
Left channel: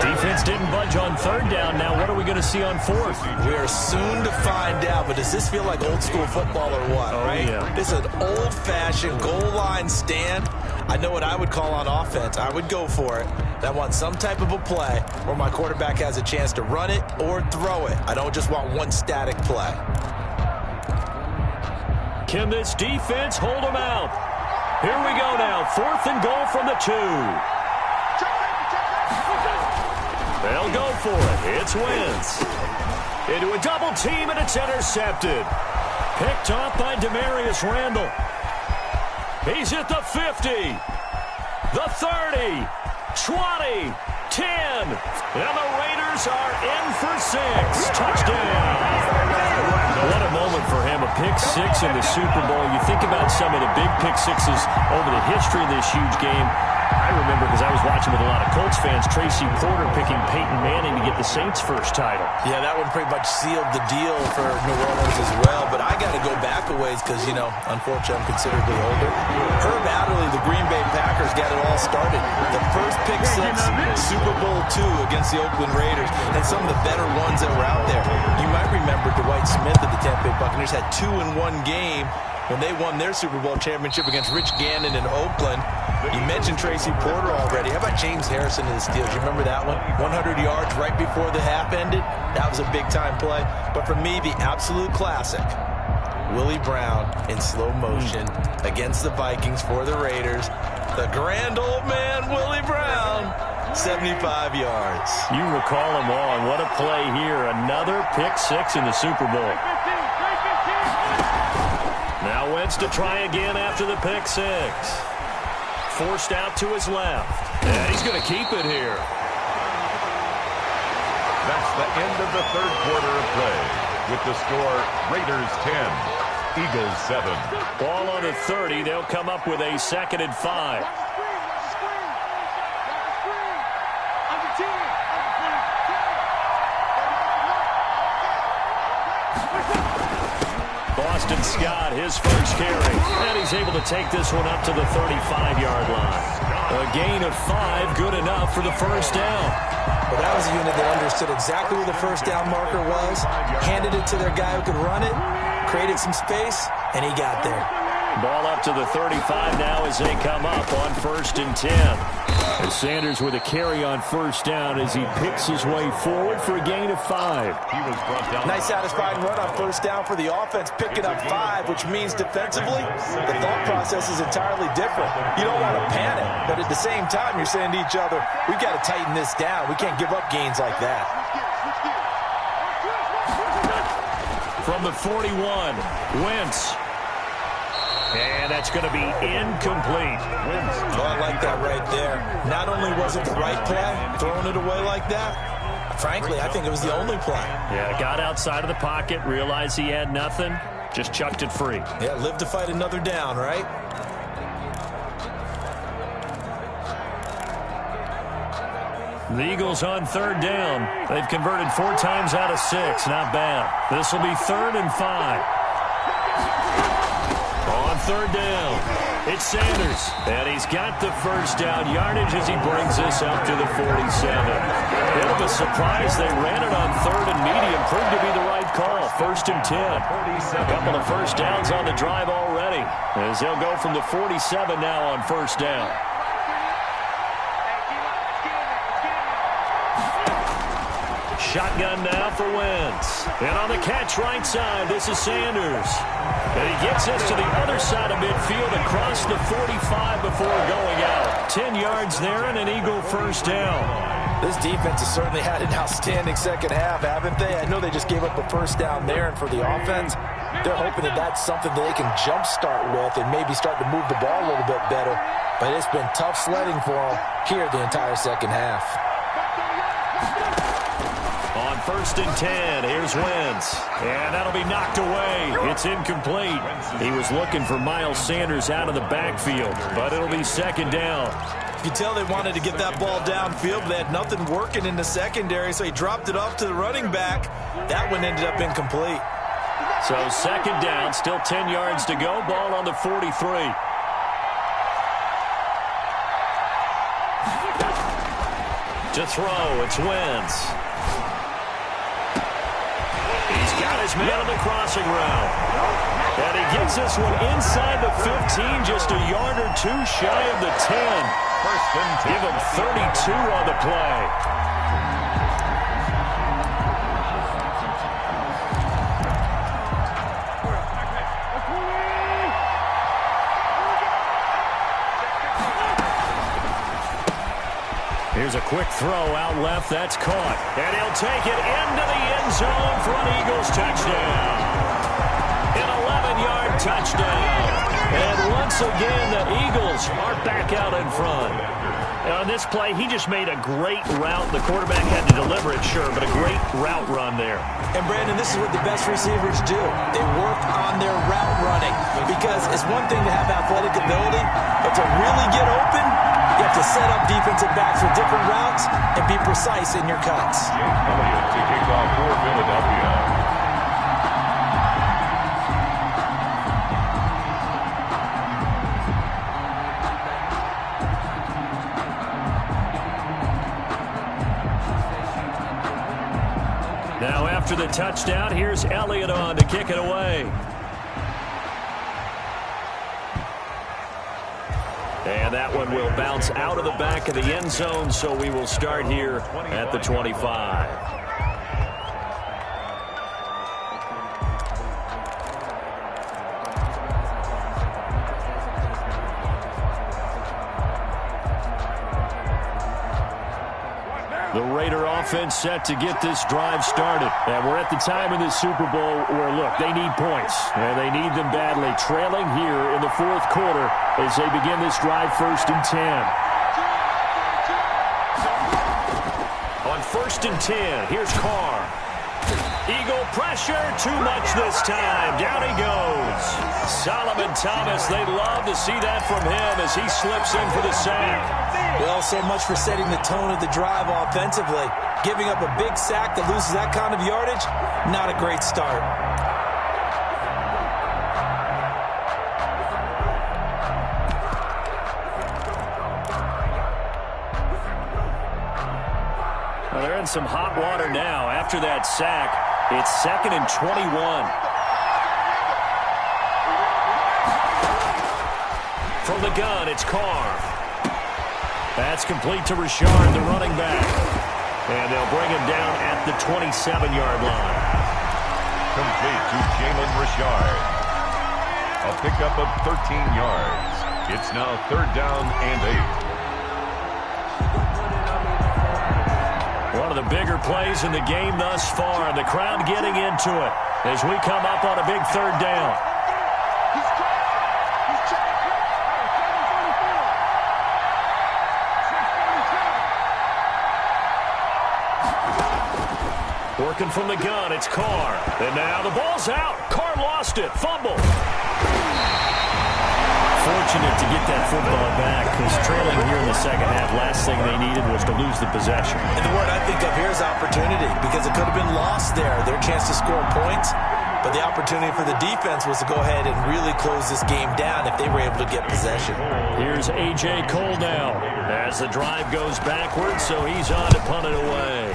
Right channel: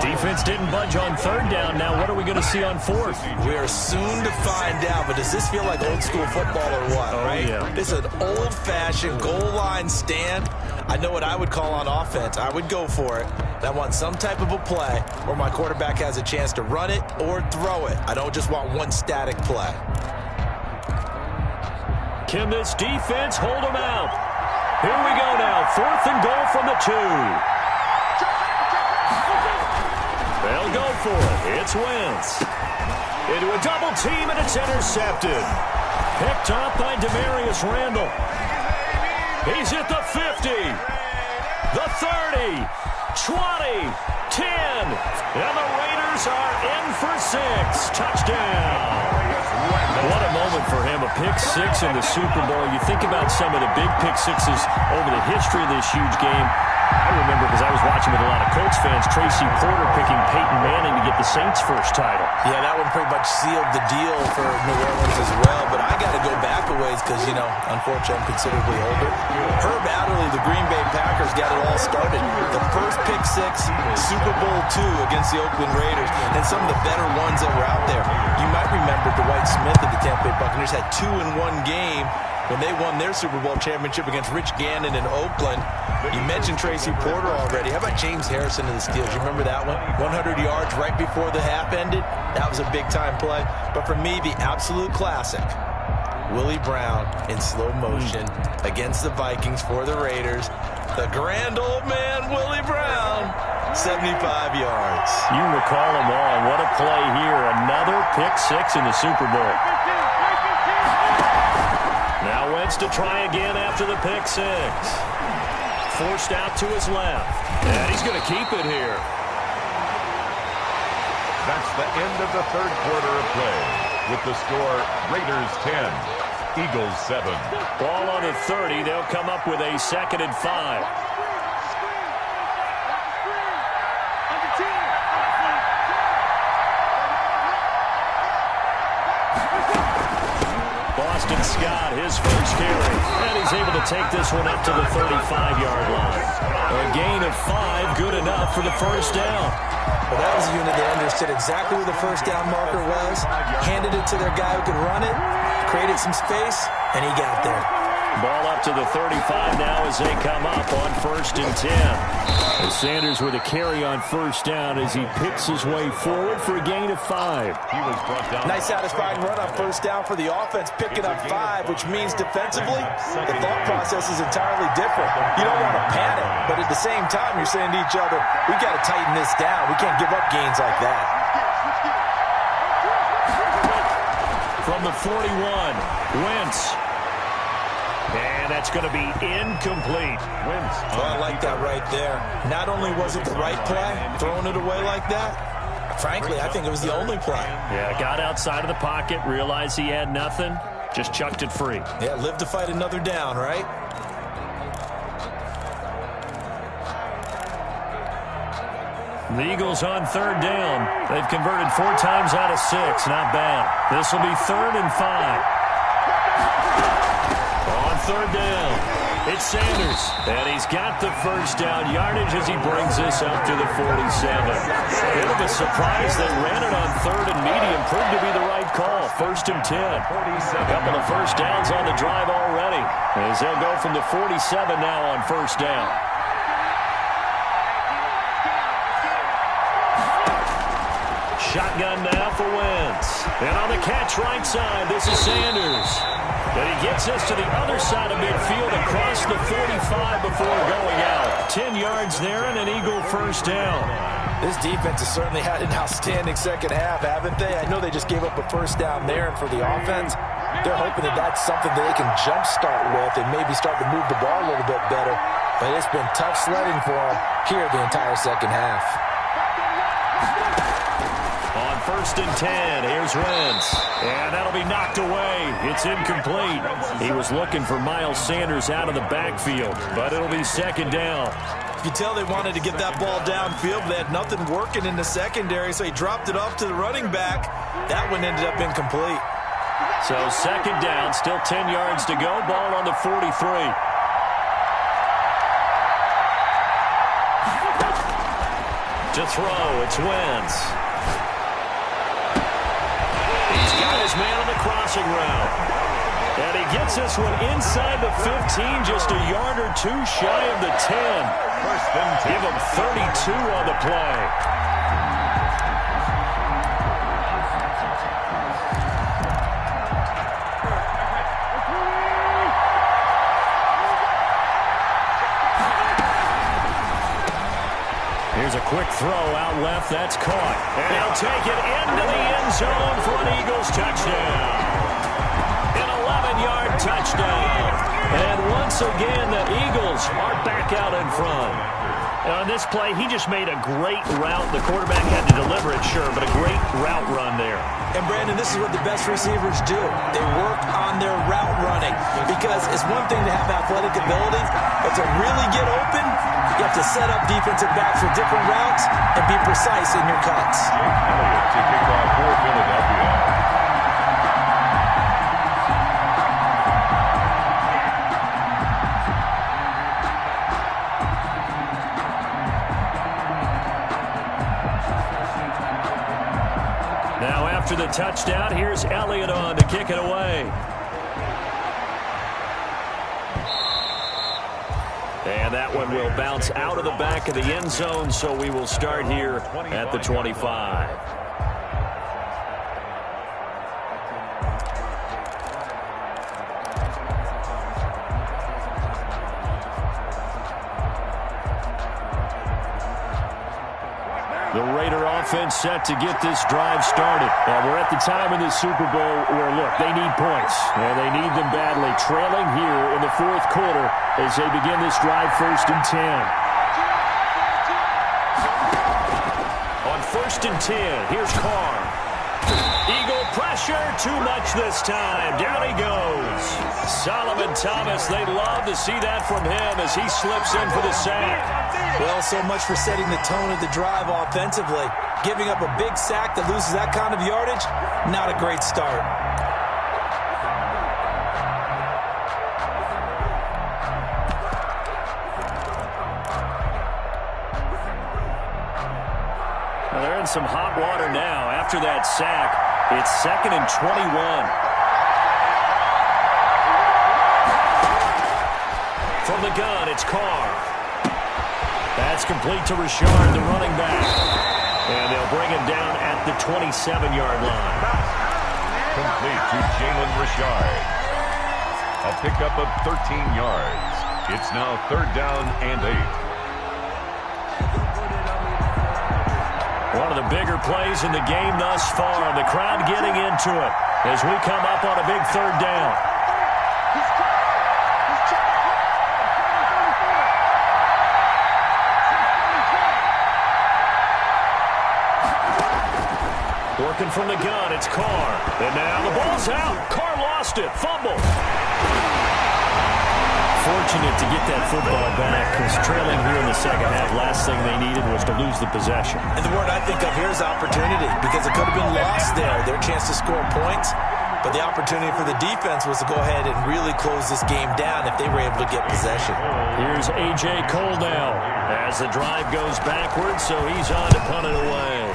Defense didn't budge on 3rd down. Now what are we going to see on 4th? We are soon to find out, but does this feel like old school football or what, right? Yeah. This is an old-fashioned goal line stand. I know what I would call on offense. I would go for it. I want some type of a play where my quarterback has a chance to run it or throw it. I don't just want one static play. Can this defense hold them out? Here we go now. 4th and goal from the 2. They'll go for it. It's Wentz. Into a double team, and it's intercepted. Picked off by Demarius Randall. He's at the 50, the 30, 20, 10. And the Raiders are in for 6. Touchdown. What a moment for him. A pick 6 in the Super Bowl. You think about some of the big pick 6s over the history of this huge game. I remember because I was watching with a lot of Colts fans, Tracy Porter picking Peyton Manning to get the Saints' first title. Yeah, that one pretty much sealed the deal for New Orleans as well. But I got to go back a ways because, you know, unfortunately I'm considerably older. Herb Adderley, the Green Bay Packers, got it all started. The first pick 6, Super Bowl II against the Oakland Raiders, and some of the better ones that were out there. You might remember Dwight Smith of the Tampa Bay Buccaneers had 2 in one game when they won their Super Bowl championship against Rich Gannon in Oakland. You mentioned Tracy Porter already. How about James Harrison of the Steelers? You remember that one? 100 yards right before the half ended. That was a big-time play. But for me, the absolute classic, Willie Brown in slow motion against the Vikings for the Raiders. The grand old man, Willie Brown, 75 yards. You recall them all, and what a play here. Another pick 6 in the Super Bowl. Now Wentz to try again after the pick 6. Forced out to his left. And he's going to keep it here. That's the end of the 3rd quarter of play. With the score, Raiders 10, Eagles 7. Ball on the 30. They'll come up with a 2nd and 5. Boston Scott, his first carry. And he's able to take this one up to the 35-yard line. A gain of 5, good enough for the first down. Well, that was a unit that understood exactly where the first down marker was, handed it to their guy who could run it, created some space, and he got there. Ball up to the 35 now as they come up on 1st and 10. And Sanders with a carry on 1st down as he picks his way forward for a gain of 5. He was brought down. Nice satisfying run on 1st down for the offense, picking up 5, which means defensively, the thought process is entirely different. You don't want to panic, but at the same time, you're saying to each other, we've got to tighten this down. We can't give up gains like that. From the 41, Wentz. And that's going to be incomplete. Oh, I like that right there. Not only was it the right play, throwing it away like that, frankly, I think it was the only play. Yeah, got outside of the pocket, realized he had nothing, just chucked it free. Yeah, live to fight another down, right? The Eagles on 3rd down. They've converted 4 times out of 6. Not bad. This will be 3rd and 5. On 3rd down, it's Sanders. And he's got the 1st down yardage as he brings this up to the 47. Bit of a surprise. They ran it on 3rd and medium. Proved to be the right call. 1st and 10. A couple of 1st downs on the drive already. As they'll go from the 47 now on 1st down. Shotgun now for Wentz. And on the catch right side, this is Sanders. And he gets this to the other side of midfield across the 45 before going out. 10 yards there and an Eagle 1st down. This defense has certainly had an outstanding second half, haven't they? I know they just gave up a 1st down there, and for the offense, they're hoping that that's something that they can jumpstart with and maybe start to move the ball a little bit better. But it's been tough sledding for them here the entire second half. On 1st and 10, here's Wentz. And that'll be knocked away. It's incomplete. He was looking for Miles Sanders out of the backfield, but it'll be 2nd down. You can tell they wanted to get that ball downfield, but they had nothing working in the secondary, so he dropped it off to the running back. That one ended up incomplete. So 2nd down, still 10 yards to go. Ball on the 43. To throw, it's Wentz. He's got his man on the crossing route. And he gets this one inside the 15, just a yard or 2 shy of the 10. 1st and 10. Give him 32 on the play. Here's a quick throw out left. That's caught. And he'll take it into the end zone for an Eagles touchdown. An 11-yard touchdown. And once again, the Eagles are back out in front. And on this play, he just made a great route. The quarterback had to deliver it, sure, but a great route run there. And, Brandon, this is what the best receivers do. They work on their route running because it's one thing to have athletic ability, but to really get open, you have to set up defensive backs with different routes and be precise in your cuts. Elliott to kick off for Philadelphia. Now after the touchdown, here's Elliott on to kick it away. And that one will bounce out of the back of the end zone, so we will start here at the 25. The Raider offense set to get this drive started. And we're at the time in this Super Bowl where, look, they need points. And they need them badly. Trailing here in the 4th quarter as they begin this drive 1st and 10. On 1st and 10, here's Carr. Eagle pressure, too much this time. Down he goes. Solomon Thomas, they'd love to see that from him as he slips in for the sack. Well, so much for setting the tone of the drive offensively. Giving up a big sack that loses that kind of yardage, not a great start. Well, they're in some hot water now. After that sack, it's 2nd and 21. from the gun, it's Carr. That's complete to Richard, the running back. And they'll bring him down at the 27-yard line. Complete to Jalen Richard. A pickup of 13 yards. It's now 3rd down and 8. One of the bigger plays in the game thus far, and the crowd getting into it as we come up on a big 3rd down. Working from the gun, it's Carr. And now the ball's out. Carr lost it. Fumble. Fortunate to get that football back, because trailing here in the second half, last thing they needed was to lose the possession. And the word I think of here is opportunity, because it could have been lost there, their chance to score points. But the opportunity for the defense was to go ahead and really close this game down if they were able to get possession. Here's A.J. Cole now as the drive goes backwards, so he's on to punt it away.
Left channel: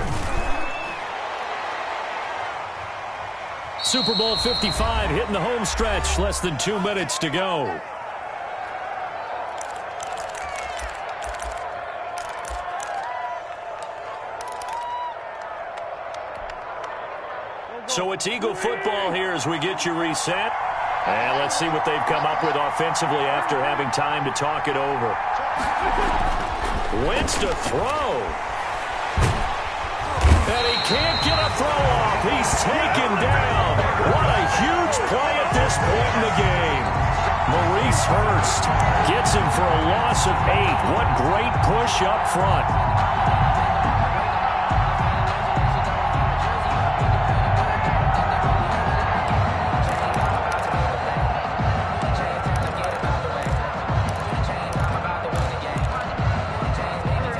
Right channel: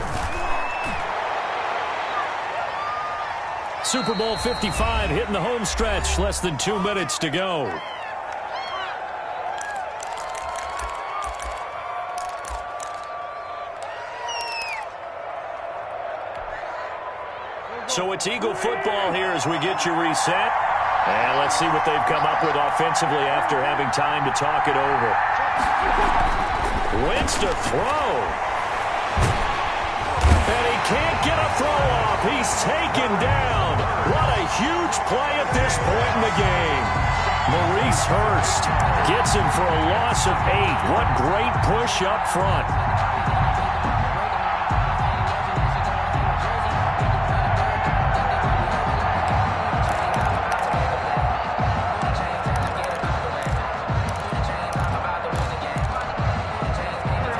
Super Bowl 55 hitting the home stretch. Less than 2 minutes to go. So it's Eagle football here as we get you reset. And let's see what they've come up with offensively after having time to talk it over. Wentz to throw. And he can't get a throw off. He's taken down. What a huge play at this point in the game. Maurice Hurst gets him for a loss of 8. What great push up front.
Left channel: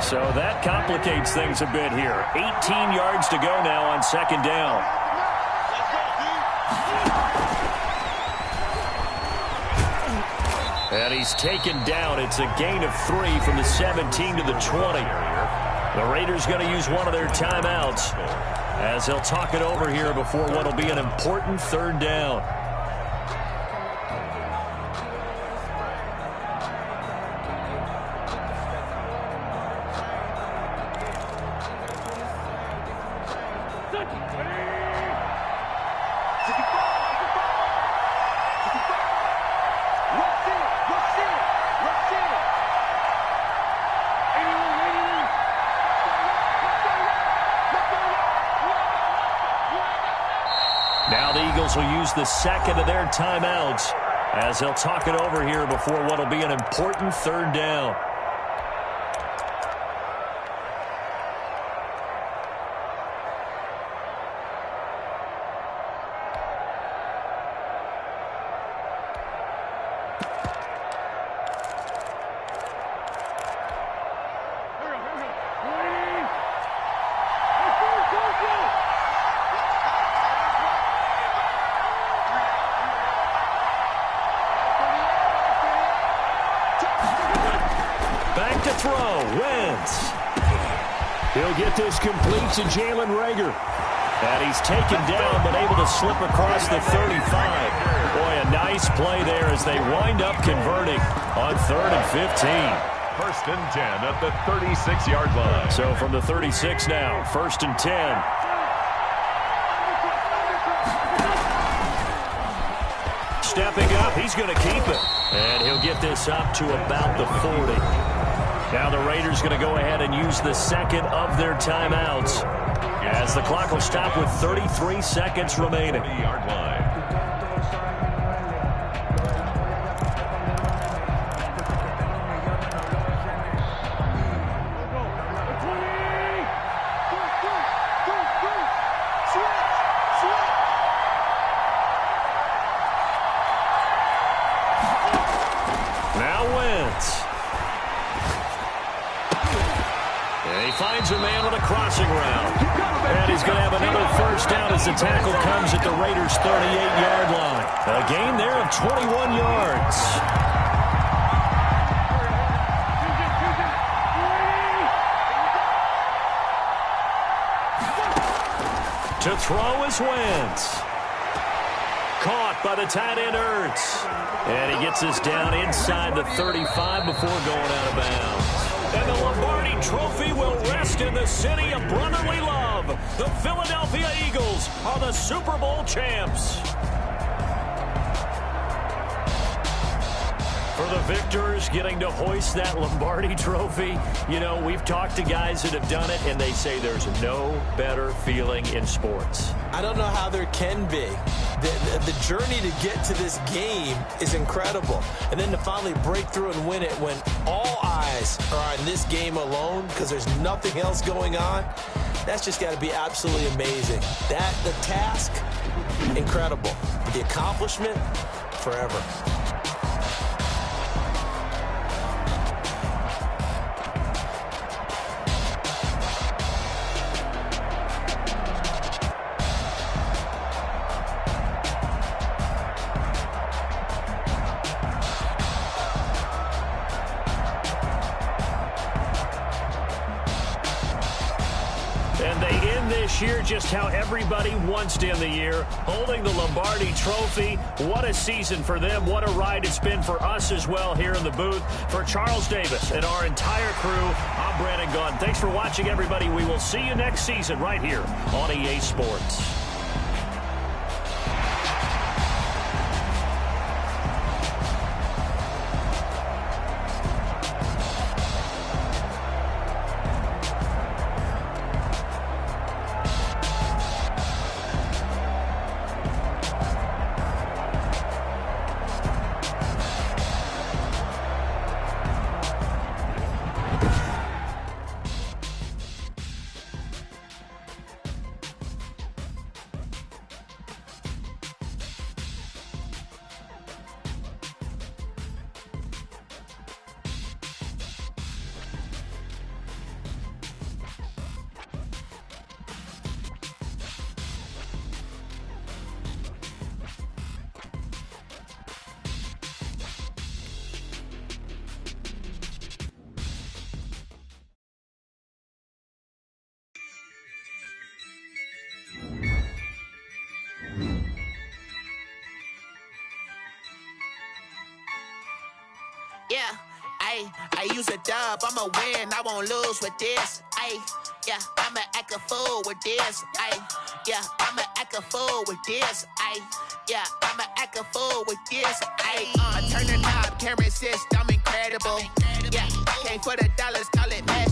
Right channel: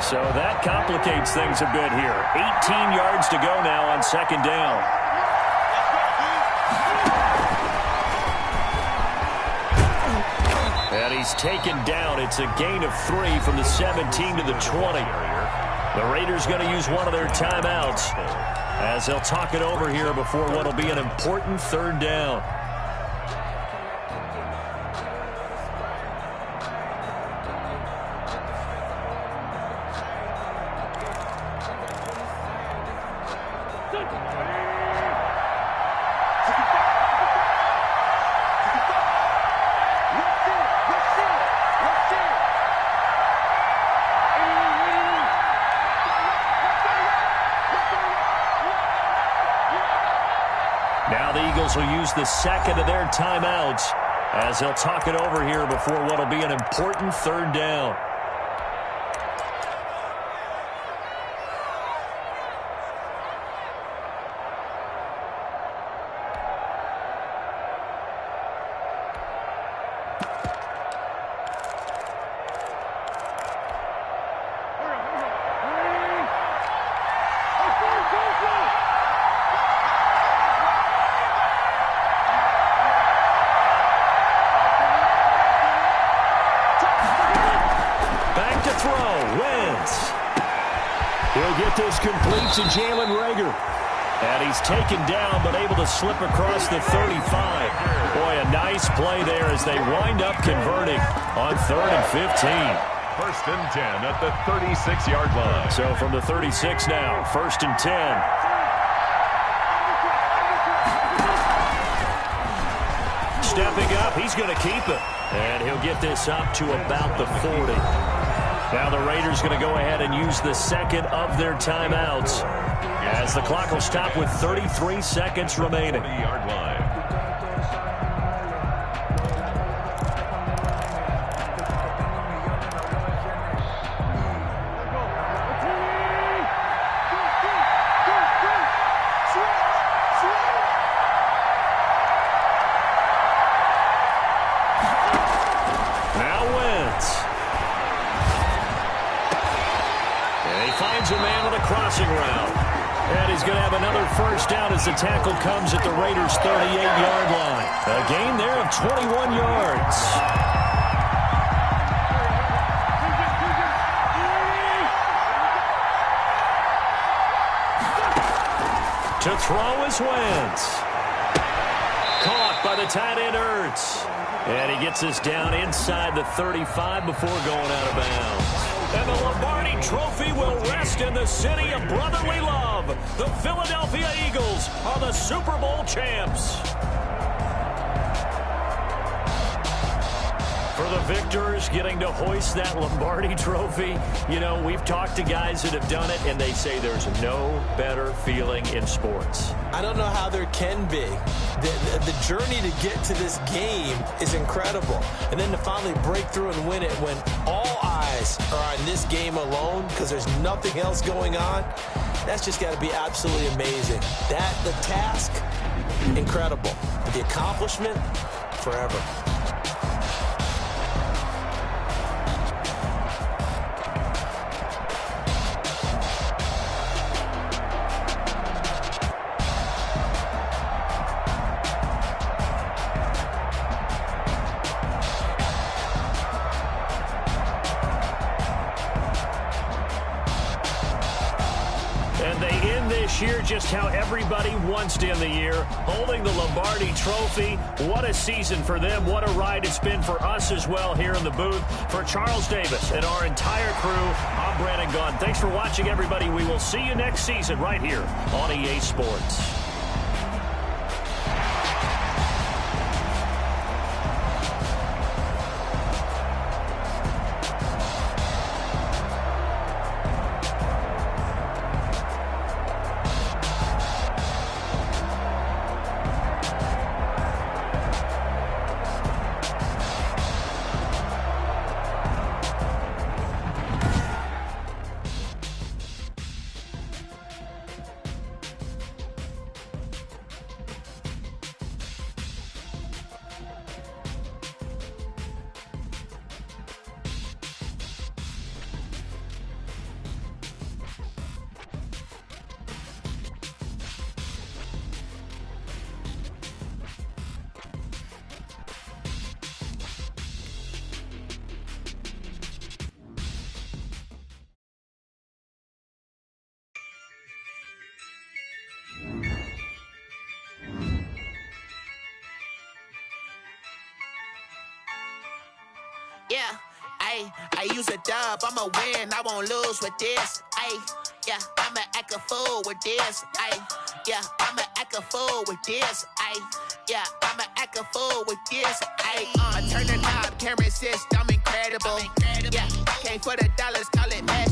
So that complicates things a bit here. 18 yards to go now on 2nd down. And he's taken down. It's a gain of 3 from the 17 to the 20. The Raiders going to use one of their timeouts as they'll talk it over here before what will be an important 3rd down. Now the Eagles will use the 2nd of their timeouts as they'll talk it over here before what will be an important 3rd down. Back to throw, Wentz. He'll get this complete to Jalen Reagor. And he's taken down, but able to slip across the 35. Boy, a nice play there as they wind up converting on 3rd and 15. 1st and 10 at the 36-yard line. So from the 36 now, 1st and 10. Stepping up, he's going to keep it. And he'll get this up to about the 40. Now the Raiders going to go ahead and use the 2nd of their timeouts as the clock will stop with 33 seconds remaining. 40-yard line. Now Wentz. And he finds a man on a crossing route. And he's going to have another 1st down as the tackle comes at the Raiders' 38-yard line. A gain there of 21 yards. To throw is Wentz. caught by the tight end Ertz. And he gets us down inside the 35 before going out of bounds. And the Lombardi Trophy will rest in the city of brotherly love. The Philadelphia Eagles are the Super Bowl champs. For the victors, getting to hoist that Lombardi Trophy, you know, we've talked to guys that have done it, and they say there's no better feeling in sports. I don't know how there can be. The journey to get to this game is incredible. And then to finally break through and win it when all eyes are on this game alone because there's nothing else going on, that's just got to be absolutely amazing. The task, incredible. The accomplishment, forever. And they end this year just how everybody wants to end the year, holding the Lombardi Trophy. What a season for them. What a ride it's been for us as well here in the booth. For Charles Davis and our entire crew, I'm Brandon Gaudin. Thanks for watching, everybody. We will see you next season right here on EA Sports. Yeah, I use a dub, I'ma win, I won't lose with this. Yeah, I'ma act a fool with this. Yeah, I'ma act a fool with this. Yeah, I'ma act a fool with this. Turn the knob, camera assist, I'm incredible. Yeah, came for the dollars, call it magic.